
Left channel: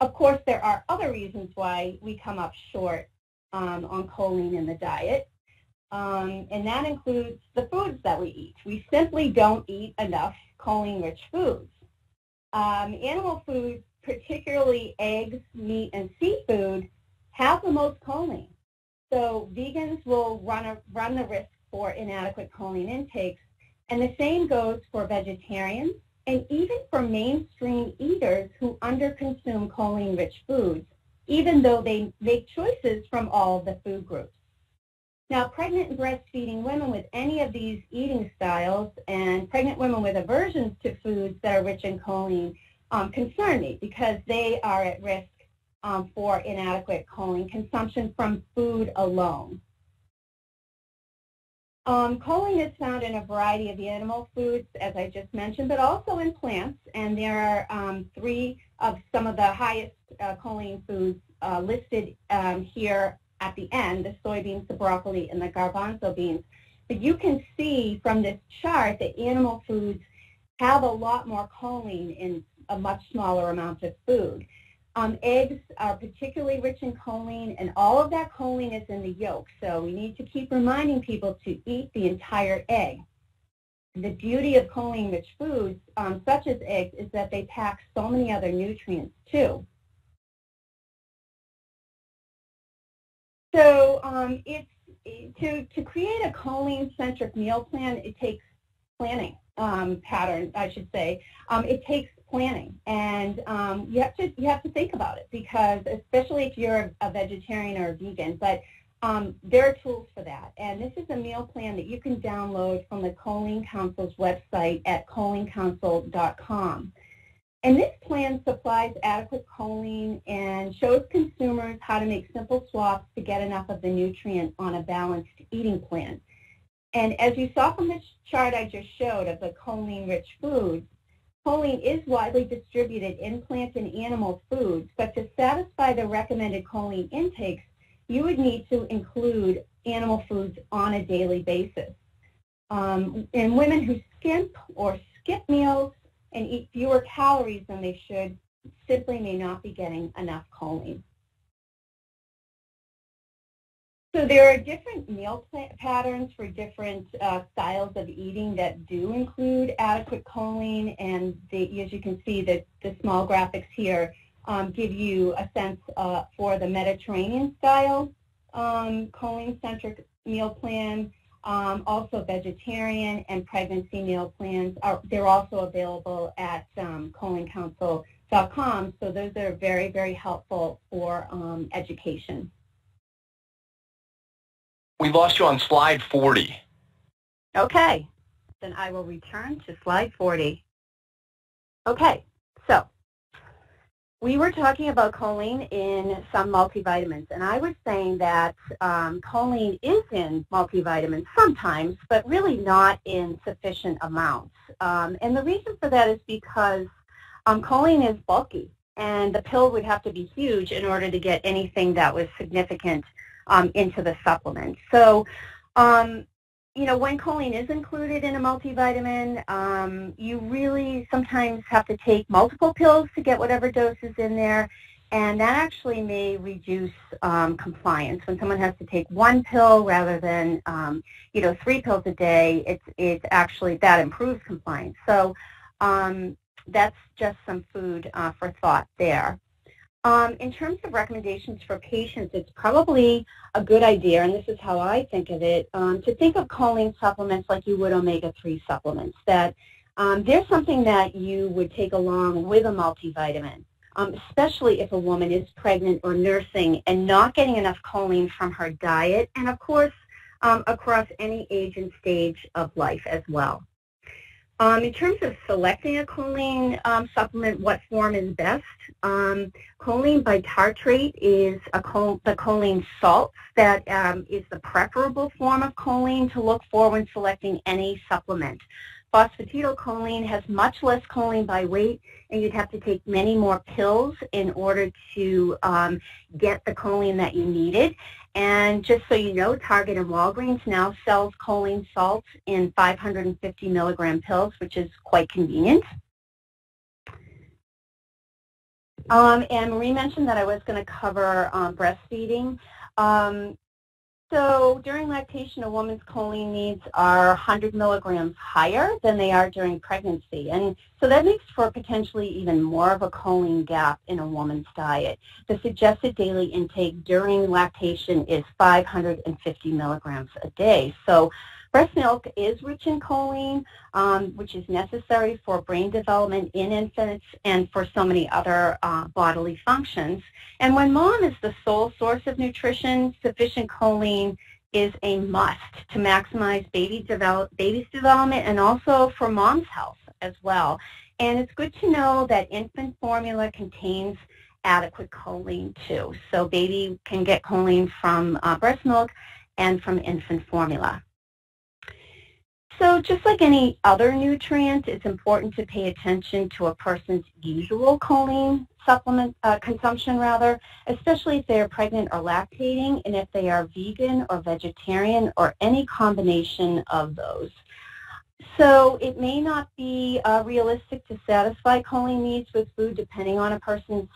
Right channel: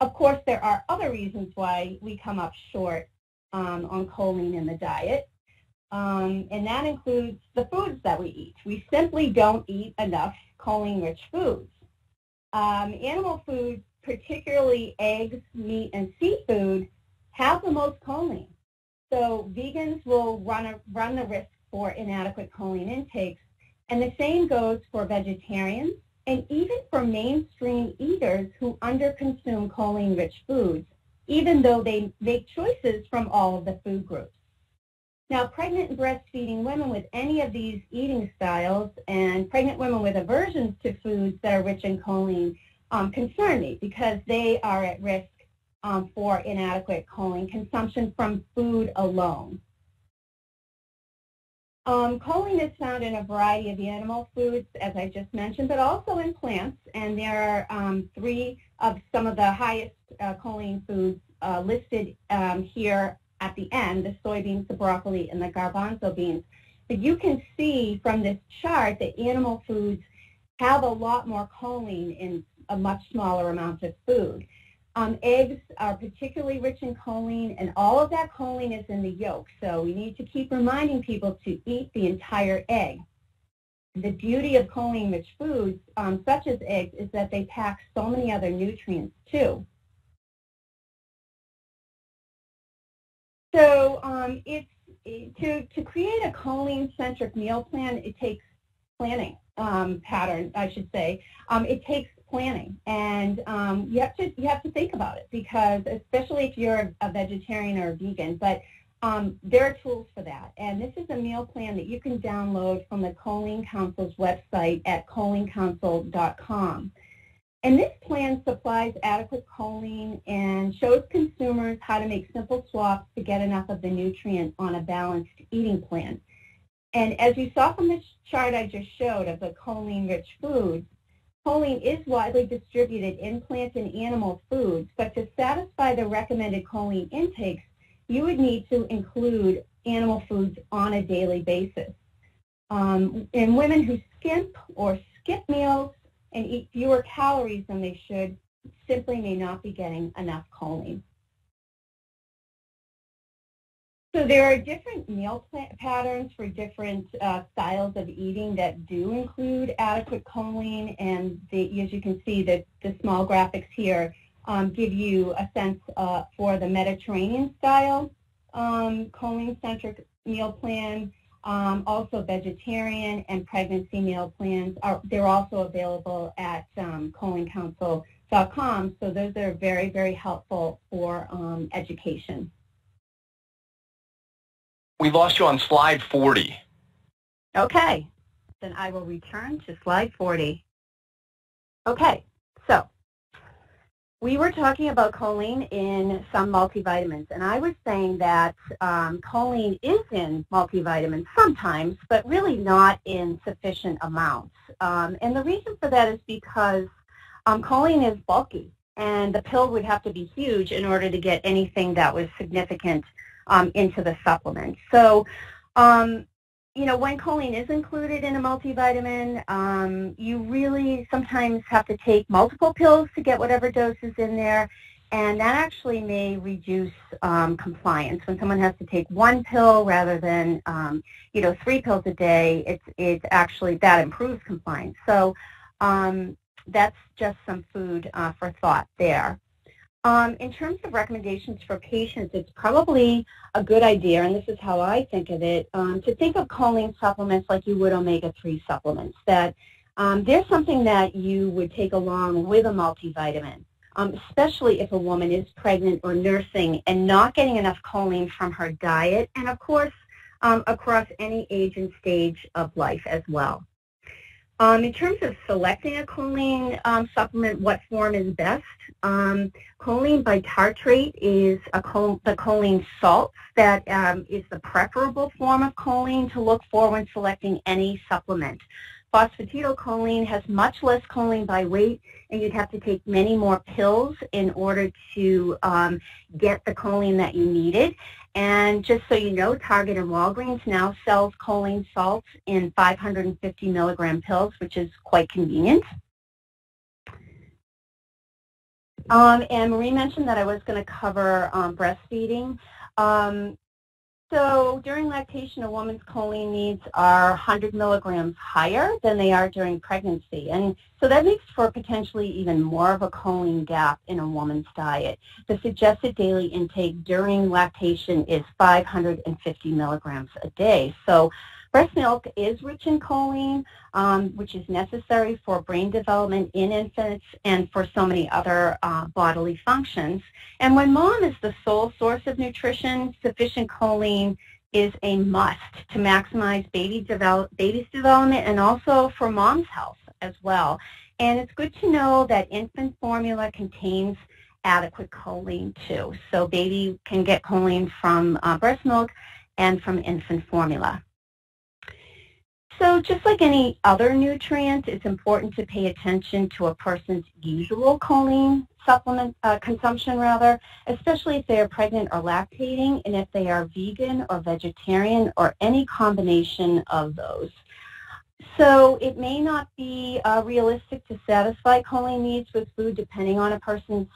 Of course, there are other reasons why we come up short on choline in the diet, and that includes the foods that we eat. We simply don't eat enough choline-rich foods. Animal foods, particularly eggs, meat, and seafood, have the most choline. So vegans will run the risk for inadequate choline intakes, and the same goes for vegetarians and even for mainstream eaters who underconsume choline-rich foods, even though they make choices from all of the food groups. Now, pregnant and breastfeeding women with any of these eating styles and pregnant women with aversions to foods that are rich in choline concern me, because they are at risk for inadequate choline consumption from food alone. Choline is found in a variety of animal foods, as I just mentioned, but also in plants, and there are 3 of some of the highest choline foods listed here at the end: the soybeans, the broccoli, and the garbanzo beans. But you can see from this chart that animal foods have a lot more choline in a much smaller amount of food. Eggs are particularly rich in choline, and all of that choline is in the yolk, so we need to keep reminding people to eat the entire egg. The beauty of choline-rich foods, such as eggs, is that they pack so many other nutrients, too. So to create a choline-centric meal plan, it takes planning pattern, I should say. It takes planning, and you have to think about it, because especially if you're a vegetarian or a vegan, but there are tools for that. And this is a meal plan that you can download from the Choline Council's website at cholinecouncil.com. And this plan supplies adequate choline and shows consumers how to make simple swaps to get enough of the nutrient on a balanced eating plan. And as you saw from this chart I just showed of the choline-rich foods, choline is widely distributed in plant and animal foods, but to satisfy the recommended choline intakes, you would need to include animal foods on a daily basis. And women who skimp or skip meals and eat fewer calories than they should simply may not be getting enough choline. So there are different meal patterns for different styles of eating that do include adequate choline, and as you can see, the small graphics here give you a sense for the Mediterranean style choline-centric meal plan. Also vegetarian and pregnancy meal plans. They're also available at cholinecouncil.com, so those are very, very helpful for education. We lost you on slide 40. Okay, then I will return to slide 40. Okay, so we were talking about choline in some multivitamins, and I was saying that choline is in multivitamins sometimes, but really not in sufficient amounts. And the reason for that is because choline is bulky, and the pill would have to be huge in order to get anything that was significant into the supplement. So, you know, when choline is included in a multivitamin, you really sometimes have to take multiple pills to get whatever dose is in there, and that actually may reduce compliance. When someone has to take one pill rather than, you know, 3 pills a day, it's actually, that improves compliance. So that's just some food for thought there. In terms of recommendations for patients, it's probably a good idea, and this is how I think of it, to think of choline supplements like you would omega-3 supplements, that they're something that you would take along with a multivitamin, especially if a woman is pregnant or nursing and not getting enough choline from her diet, and of course across any age and stage of life as well. In terms of selecting a choline supplement, what form is best? Choline bitartrate is the choline salts that is the preferable form of choline to look for when selecting any supplement. Phosphatidylcholine has much less choline by weight, and you'd have to take many more pills in order to get the choline that you needed. And just so you know, Target and Walgreens now sells choline salts in 550 milligram pills, which is quite convenient. And Marie mentioned that I was going to cover breastfeeding. So during lactation, a woman's choline needs are 100 milligrams higher than they are during pregnancy. And so that makes for potentially even more of a choline gap in a woman's diet. The suggested daily intake during lactation is 550 milligrams a day. So breast milk is rich in choline, which is necessary for brain development in infants and for so many other bodily functions. And when mom is the sole source of nutrition, sufficient choline is a must to maximize baby's development and also for mom's health as well. And it's good to know that infant formula contains adequate choline too. So baby can get choline from breast milk and from infant formula. So just like any other nutrient, it's important to pay attention to a person's usual choline supplement consumption, especially if they are pregnant or lactating, and if they are vegan or vegetarian or any combination of those. So it may not be realistic to satisfy choline needs with food depending on a person's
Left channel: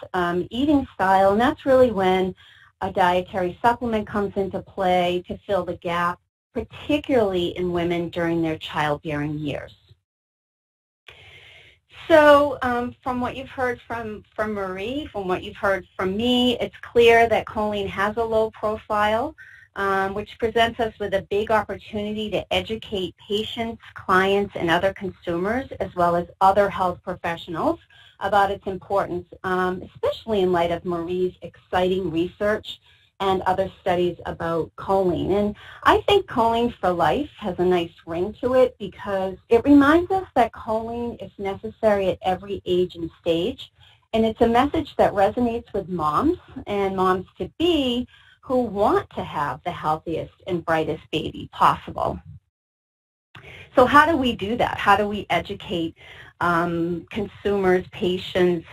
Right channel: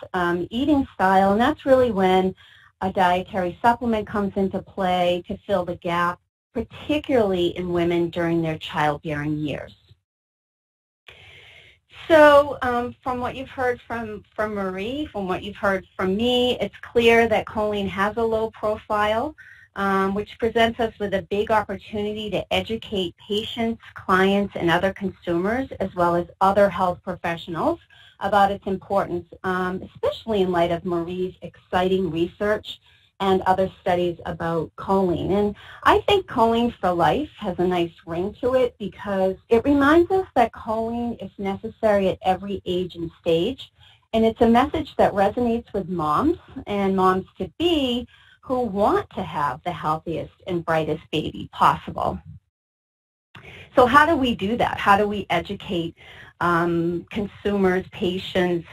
eating style, and that's really when a dietary supplement comes into play to fill the gap, particularly in women during their childbearing years. So from what you've heard from Marie, from what you've heard from me, it's clear that choline has a low profile, which presents us with a big opportunity to educate patients, clients, and other consumers, as well as other health professionals, about its importance, especially in light of Marie's exciting research and other studies about choline. And I think choline for life has a nice ring to it because it reminds us that choline is necessary at every age and stage, and it's a message that resonates with moms and moms-to-be who want to have the healthiest and brightest baby possible. So how do we do that? How do we educate consumers, patients,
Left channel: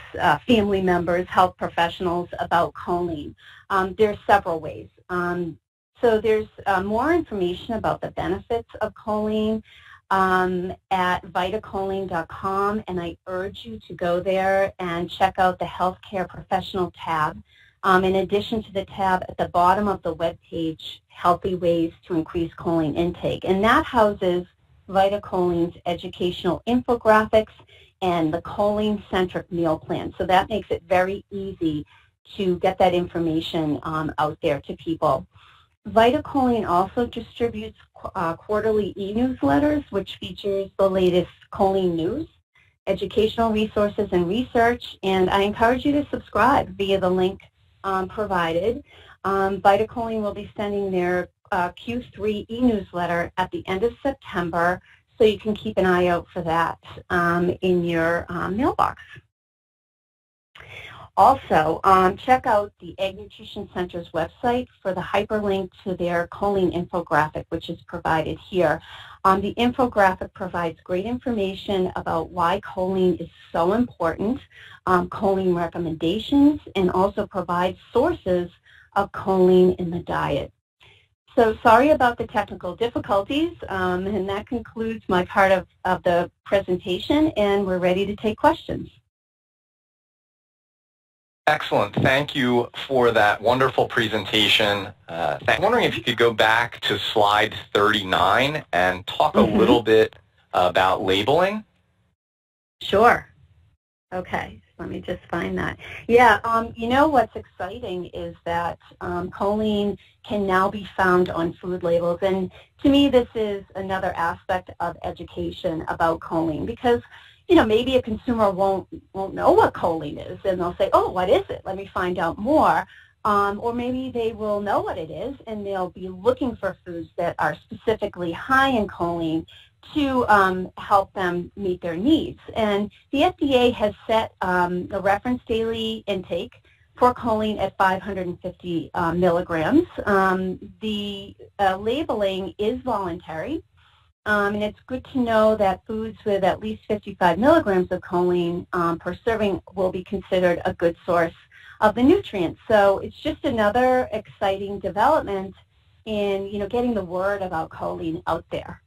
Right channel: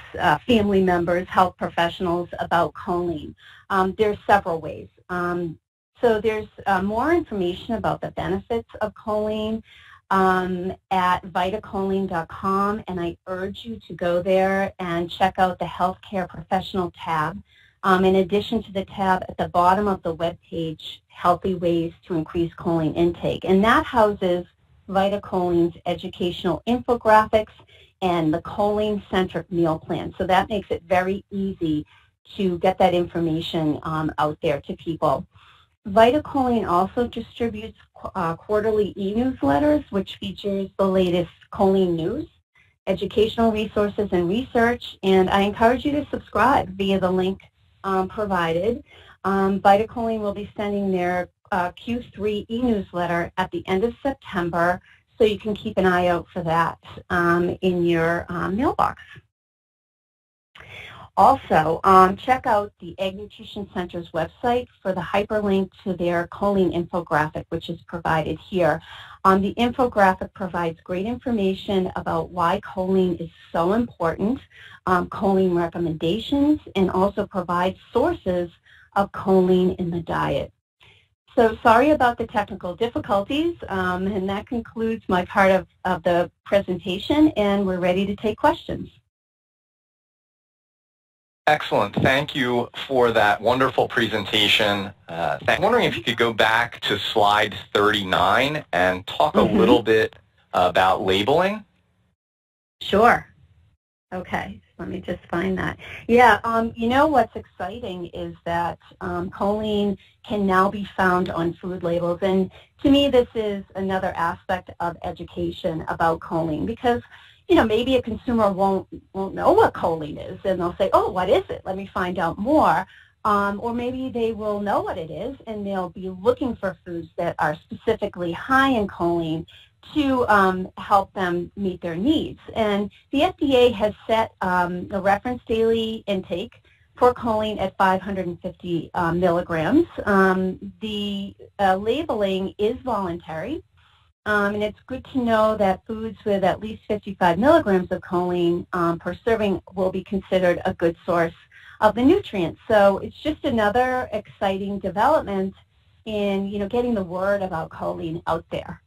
family members, health professionals about choline? There's several ways. So there's more information about the benefits of choline at vitacholine.com, and I urge you to go there and check out the healthcare professional tab. in addition to the tab at the bottom of the web page, Healthy Ways to Increase Choline Intake. And that houses VitaCholine's educational infographics and the choline-centric meal plan. So that makes it very easy to get that information out there to people. VitaCholine also distributes quarterly e-newsletters, which features the latest choline news, educational resources, and research. And I encourage you to subscribe via the link provided. VitaCholine will be sending their Q3 e-newsletter at the end of September, so you can keep an eye out for that in your mailbox. Also, check out the Egg Nutrition Center's website for the hyperlink to their choline infographic, which is provided here. The infographic provides great information about why choline is so important, choline recommendations, and also provides sources of choline in the diet. So sorry about the technical difficulties, and that concludes my part of the presentation, and we're ready to take questions. Excellent. Thank you for that wonderful presentation. I'm wondering if you could go back to slide 39 and talk a little bit about labeling. Sure. Okay. Let me just find that. Yeah, you know what's exciting is that choline can now be found on food labels. And to me, this is another aspect of education about choline because, you know, maybe a consumer won't know what choline is, and they'll say, oh, what is it? Let me find out more. Or maybe they will know what it is, and they'll be looking for foods that are specifically high in choline to help them meet their needs. And the FDA has set a reference daily intake for choline at 550 milligrams. The labeling is voluntary. And it's good to know that foods with at least 55 milligrams of choline per serving will be considered a good source of the nutrients. So it's just another exciting development in, you know, getting the word about choline out there.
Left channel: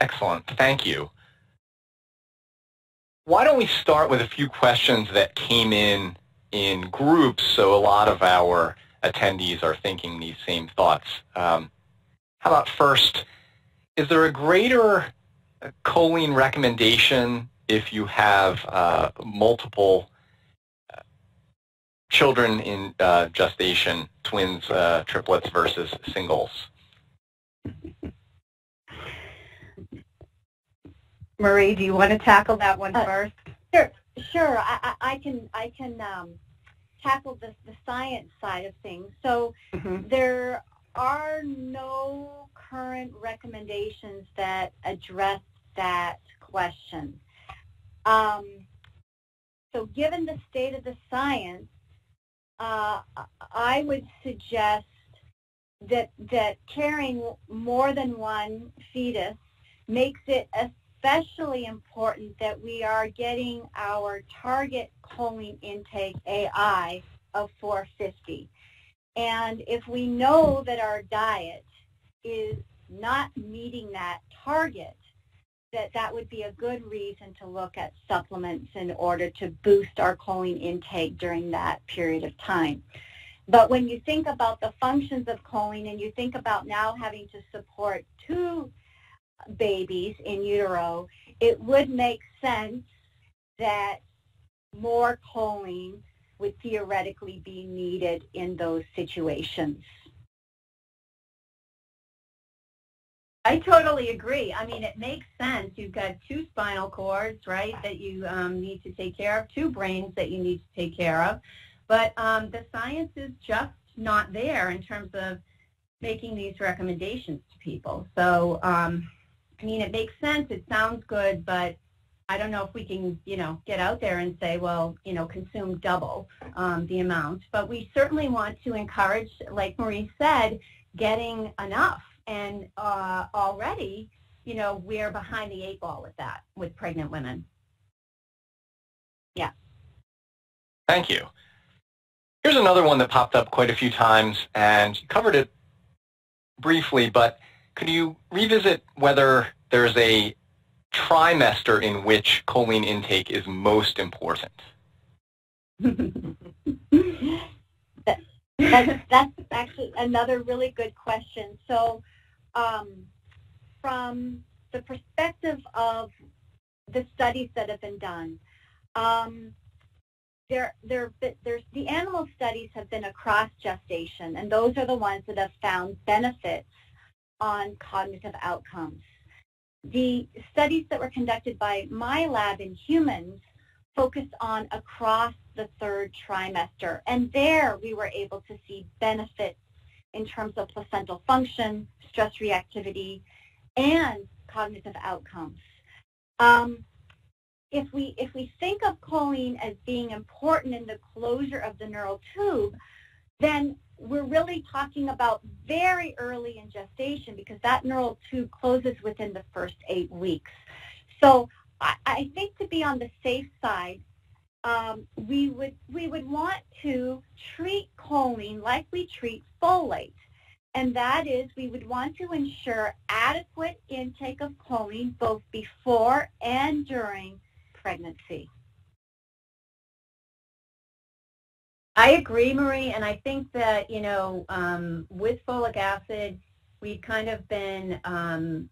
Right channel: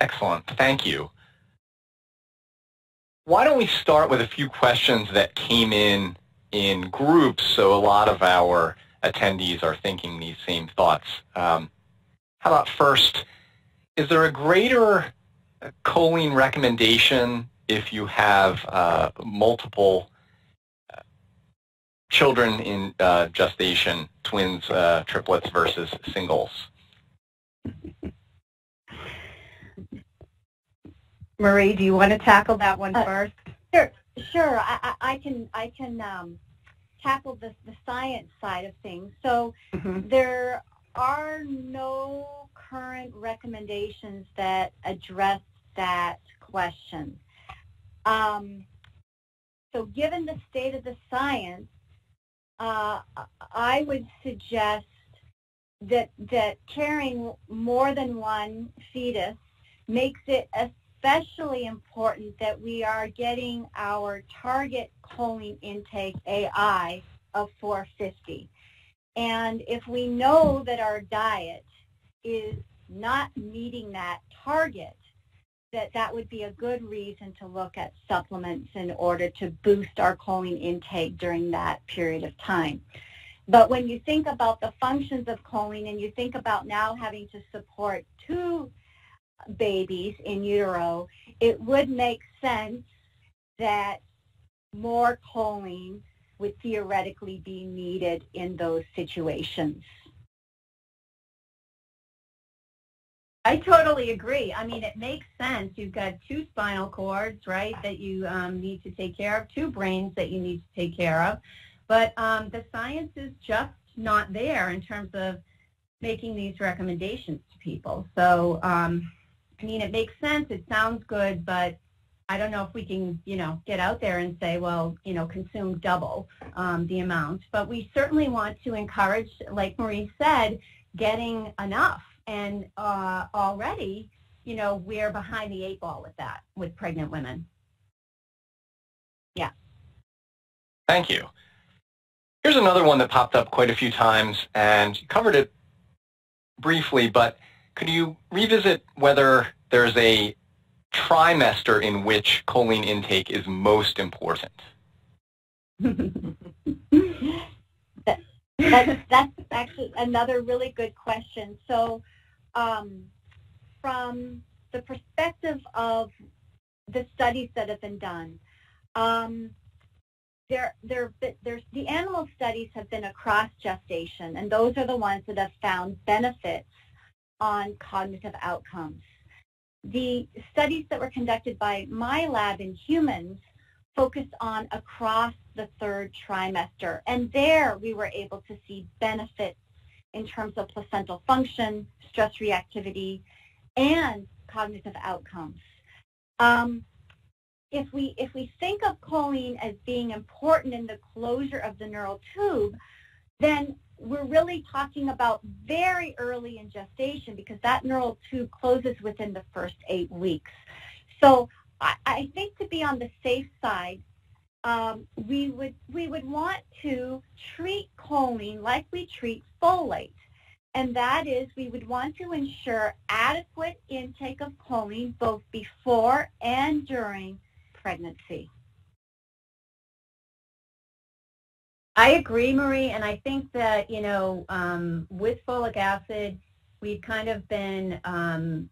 Excellent. Thank you. Why don't we start with a few questions that came in groups, so a lot of our attendees are thinking these same thoughts. How about first, is there a greater choline recommendation if you have multiple children in gestation, twins, triplets versus singles? Marie, do you want to tackle that one first? Sure. I can tackle the science side of things. So there are no current recommendations that address that question. So given the state of the science, I would suggest that carrying more than one fetus makes it especially important that we are getting our target choline intake AI of 450. And if we know that our diet is not meeting that target, that would be a good reason to look at supplements in order to boost our choline intake during that period of time. But when you think about the functions of choline and you think about now having to support 2 babies in utero, it would make sense that more choline would theoretically be needed in those situations. I totally agree. I mean, it makes sense. You've got 2 spinal cords, right, that you need to take care of, 2 brains that you need to take care of. But the science is just not there in terms of making these recommendations to people. So, I mean, it makes sense. It sounds good, but I don't know if we can, you know, get out there and say, well, you know, consume double the amount. But we certainly want to encourage, like Marie said, getting enough. And already, you know, we're behind the 8 ball with that, with pregnant women. Yeah. Thank you. Here's another one that popped up quite a few times, and you covered it briefly, but could you revisit whether there's a trimester in which choline intake is most important? That's actually another really good question. So from the perspective of the studies that have been done, the animal studies have been across gestation, and those are the ones that have found benefits on cognitive outcomes. The studies that were conducted by my lab in humans focused on across the third trimester, and there we were able to see benefits in terms of placental function, stress reactivity, and cognitive outcomes. If we think of choline as being important in the closure of the neural tube, then we're really talking about very early in gestation, because that neural tube closes within the first 8 weeks. So I think, to be on the safe side, we would want to treat choline like we treat folate, and that is, we would want to ensure adequate intake of choline both before and during pregnancy. I agree, Marie, and I think that, with folic acid, we've kind of been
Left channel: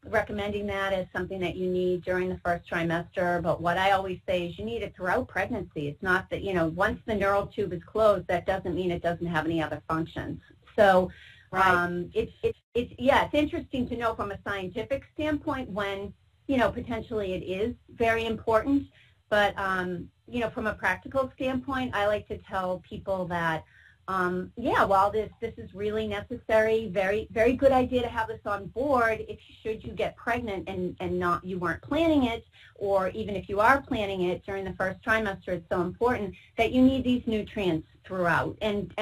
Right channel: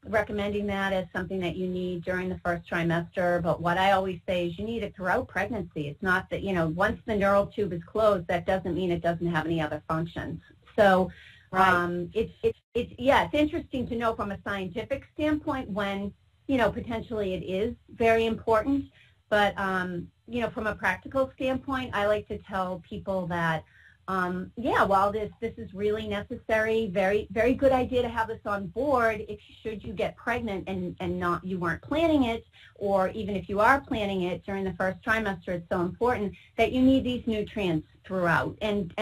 recommending that as something that you need during the first trimester, but what I always say is you need it throughout pregnancy. It's not that, once the neural tube is closed, that doesn't mean it doesn't have any other functions. So right. It's interesting to know from a scientific standpoint when, potentially it is very important, but from a practical standpoint, I like to tell people that, while this is really necessary, very, very good idea to have this on board if should you get pregnant and you weren't planning it, or even if you are planning it during the first trimester, it's so important that you need these nutrients throughout and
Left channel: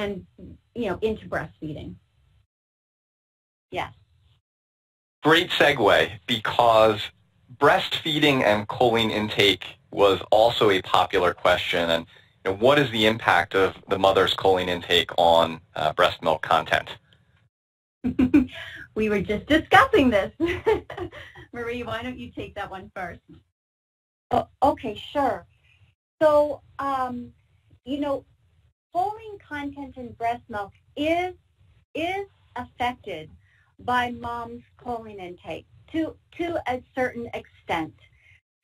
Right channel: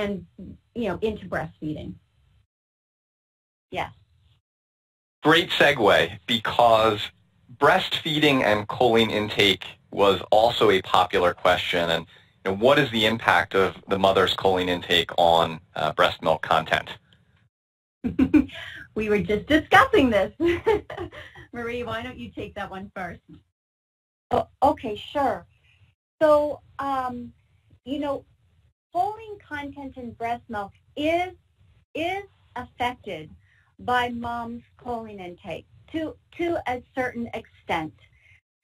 into breastfeeding. Yes. Great segue, because breastfeeding and choline intake was also a popular question, and what is the impact of the mother's choline intake on breast milk content? We were just discussing this. Marie, why don't you take that one first? Oh, okay, sure. So, choline content in breast milk is affected by mom's choline intake to a certain extent.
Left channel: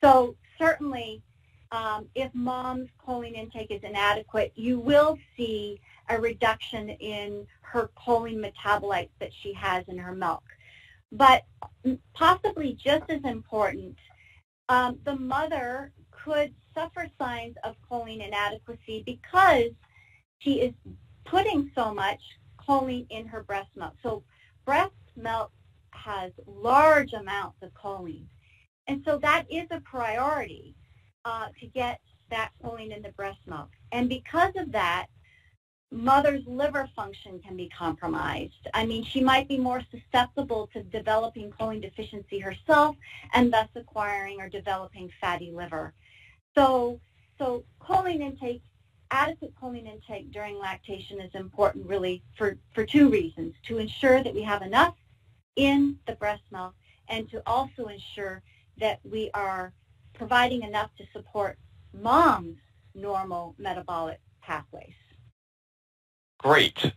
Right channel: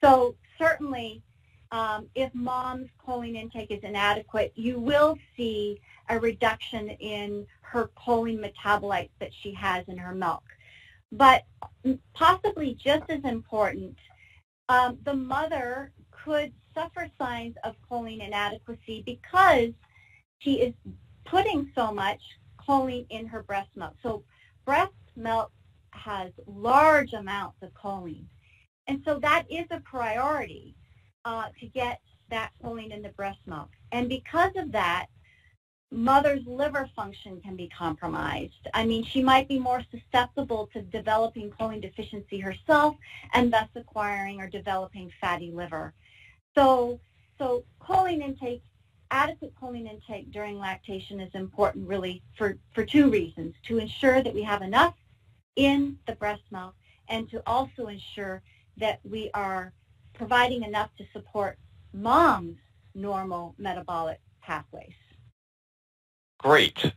So certainly, if mom's choline intake is inadequate, you will see a reduction in her choline metabolites that she has in her milk. But possibly just as important, the mother could suffer signs of choline inadequacy because she is putting so much choline in her breast milk. So breast milk has large amounts of choline. And so that is a priority to get that choline in the breast milk. And because of that, mother's liver function can be compromised. I mean, she might be more susceptible to developing choline deficiency herself and thus acquiring or developing fatty liver. So choline intake, adequate choline intake during lactation is important really for 2 reasons: to ensure that we have enough in the breast milk, and to also ensure that we are providing enough to support mom's normal metabolic pathways. Great.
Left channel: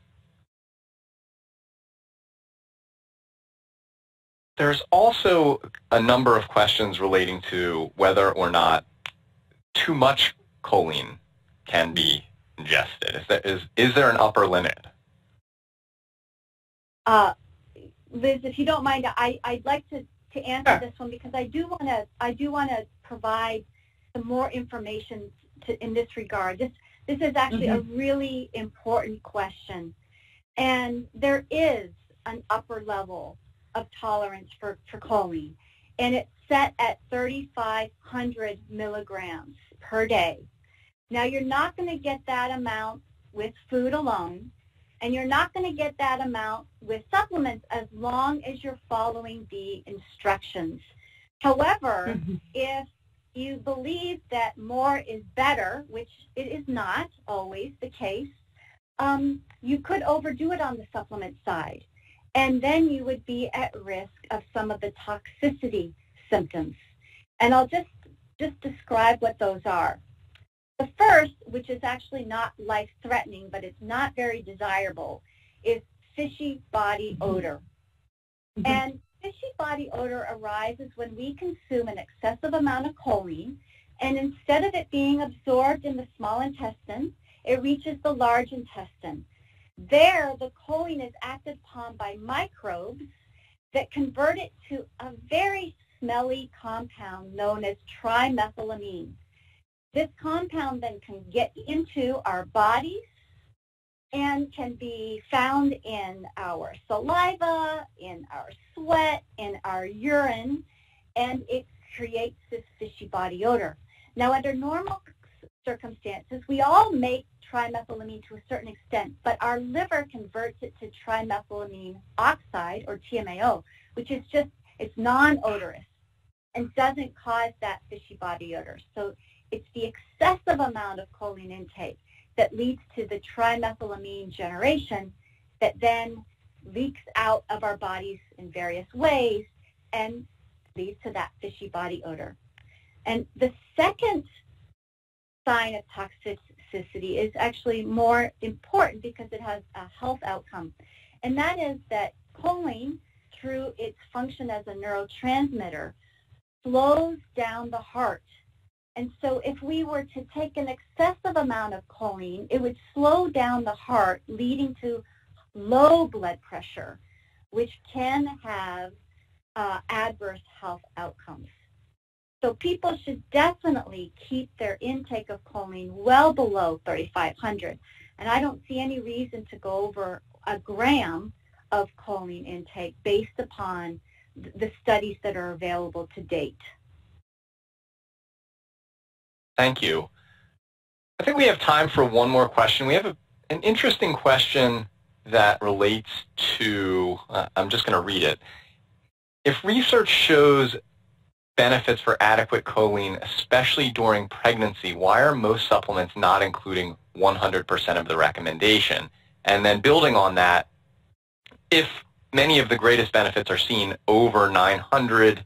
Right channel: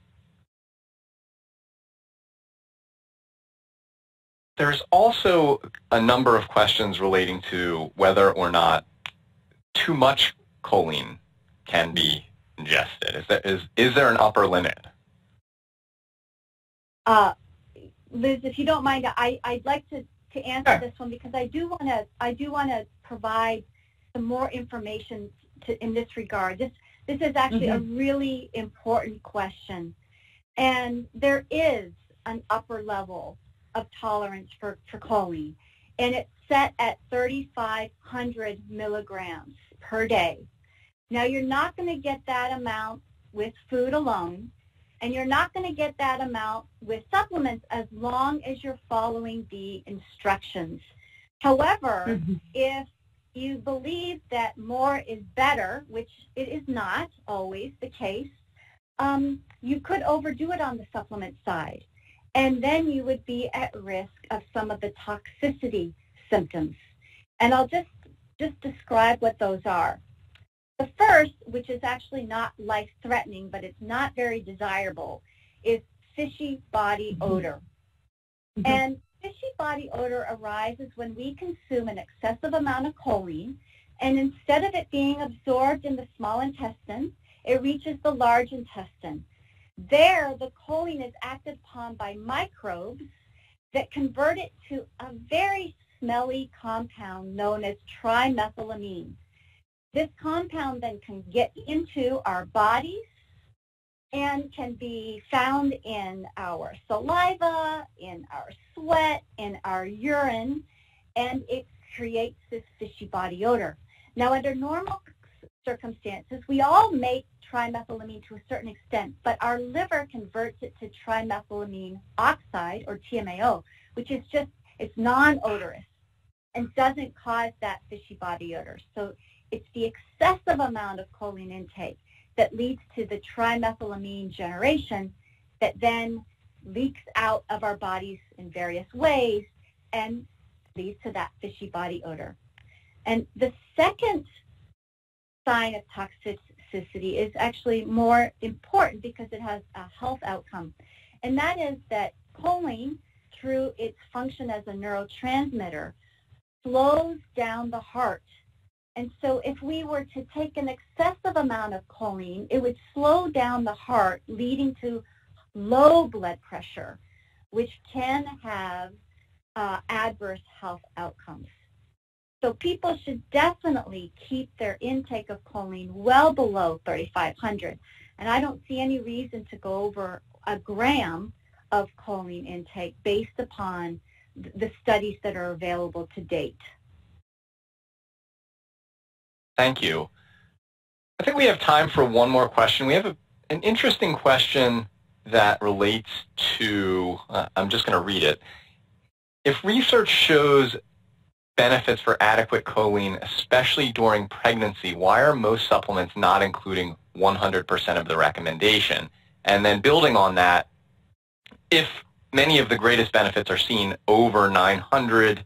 There's also a number of questions relating to whether or not too much choline can be ingested. Is there an upper limit? Liz, if you don't mind, I'd like to answer this one, because I do want to provide some more information in this regard. This is actually a really important question, and there is an upper level of tolerance for choline, and it's set at 3,500 milligrams per day. Now, you're not going to get that amount with food alone, and you're not going to get that amount with supplements as long as you're following the instructions. However, if you believe that more is better, which it is not always the case, you could overdo it on the supplement side, and then you would be at risk of some of the toxicity symptoms. And I'll just describe what those are. The first, which is actually not life-threatening, but it's not very desirable, is fishy body odor. And fishy body odor arises when we consume an excessive amount of choline, and instead of it being absorbed in the small intestine, it reaches the large intestine. There, the choline is acted upon by microbes that convert it to a very smelly compound known as trimethylamine. This compound then can get into our bodies and can be found in our saliva, in our sweat, in our urine, and it creates this fishy body odor. Now, under normal circumstances, we all make trimethylamine to a certain extent, but our liver converts it to trimethylamine oxide, or TMAO, which is just, it's non-odorous and doesn't cause that fishy body odor. So it's the excessive amount of choline intake that leads to the trimethylamine generation that then leaks out of our bodies in various ways and leads to that fishy body odor. And the second sign of toxicity is actually more important because it has a health outcome, and that is that choline, through its function as a neurotransmitter, slows down the heart. And so if we were to take an excessive amount of choline, it would slow down the heart, leading to low blood pressure, which can have adverse health outcomes. So people should definitely keep their intake of choline well below 3,500. And I don't see any reason to go over a gram of choline intake based upon the studies that are available to date. Thank you. I think we have time for one more question. We have an interesting question that relates to, I'm just going to read it. If research shows benefits for adequate choline, especially during pregnancy, why are most supplements not including 100% of the recommendation? And then building on that, if many of the greatest benefits are seen over 900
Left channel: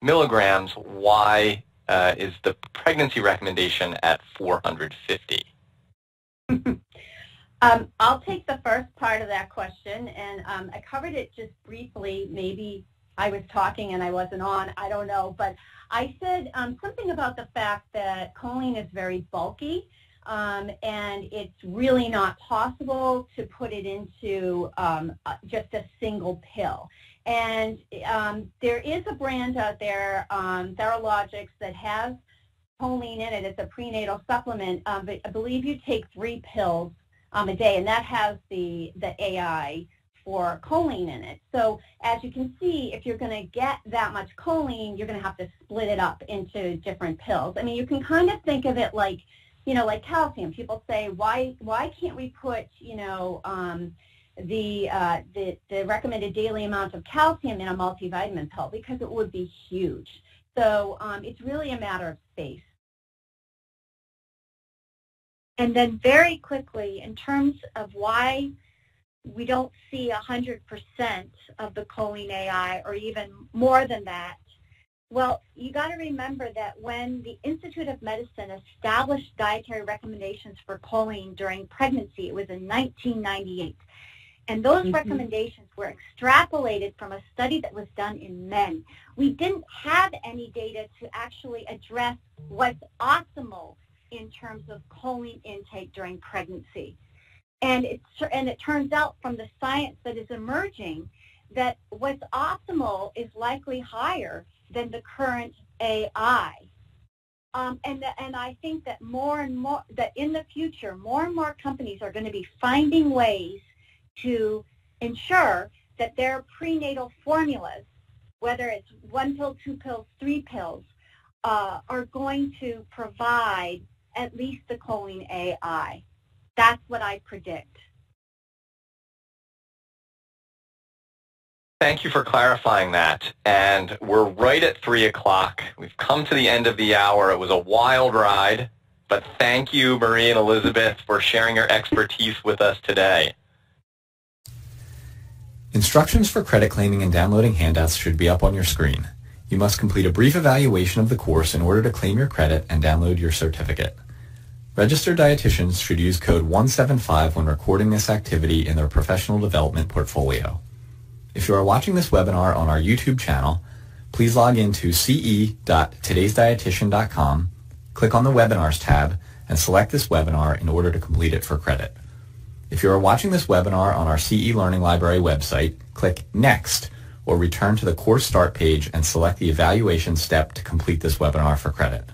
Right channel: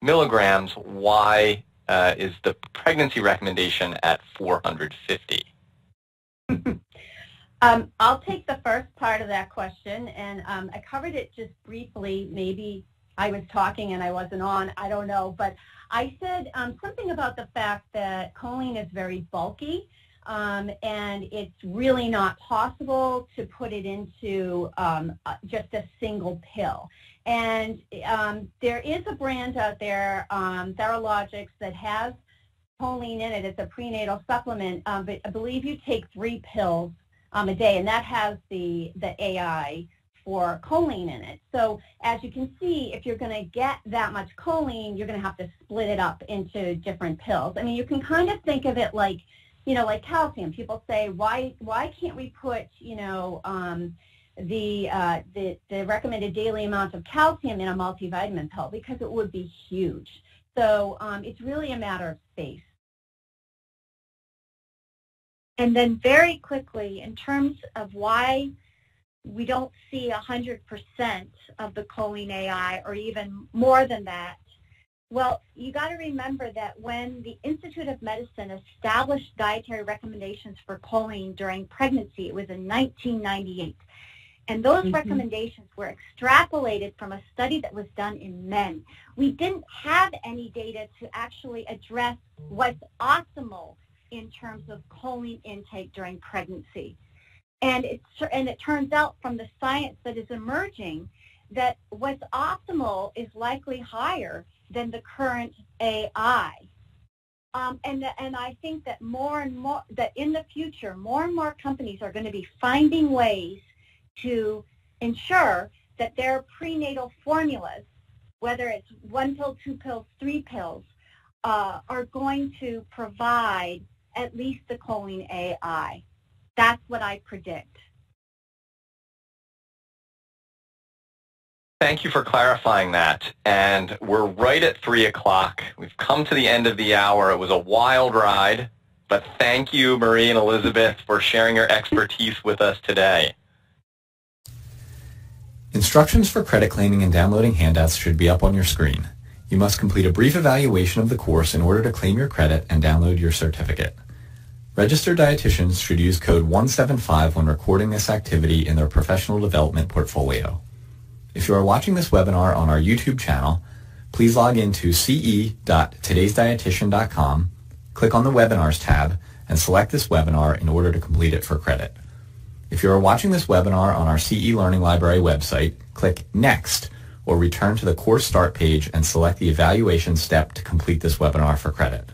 milligrams, why is the pregnancy recommendation at 450? I'll take the first part of that question, and I covered it just briefly. Maybe I was talking and I wasn't on, I don't know, but I said something about the fact that choline is very bulky, and it's really not possible to put it into just a single pill. And there is a brand out there, Theralogics, that has choline in it. It's a prenatal supplement, but I believe you take 3 pills a day, and that has the AI for choline in it. So as you can see, if you're going to get that much choline, you're going to have to split it up into different pills. I mean, you can kind of think of it like, you know, like calcium. People say, why can't we put, you know, the recommended daily amount of calcium in a multivitamin pill? Because it would be huge. So it's really a matter of space. And then very quickly, in terms of why we don't see 100% of the choline AI or even more than that, well, you got to remember that when the Institute of Medicine established dietary recommendations for choline during pregnancy, it was in 1998. And those recommendations were extrapolated from a study that was done in men. We didn't have any data to actually address what's optimal in terms of choline intake during pregnancy. And it turns out from the science that is emerging that what's optimal is likely higher than the current AI. And I think that more and more, that in the future, more and more companies are going to be finding ways to ensure that their prenatal formulas, whether it's 1 pill, 2 pills, 3 pills, are going to provide at least the choline AI. That's what I predict. Thank you for clarifying that. And we're right at 3 o'clock. We've come to the end of the hour. It was a wild ride, but thank you, Marie and Elizabeth, for sharing your expertise with us today. Instructions for credit claiming and downloading handouts should be up on your screen. You must complete a brief evaluation of the course in order to claim your credit and download your certificate. Registered dietitians should use code 175 when recording this activity in their professional development portfolio. If you are watching this webinar on our YouTube channel, please log into ce.todaysdietitian.com, click on the Webinars tab, and select this webinar in order to complete it for credit. If you are watching this webinar on our CE Learning Library website, click Next, or return to the course start page and select the evaluation step to complete this webinar for credit.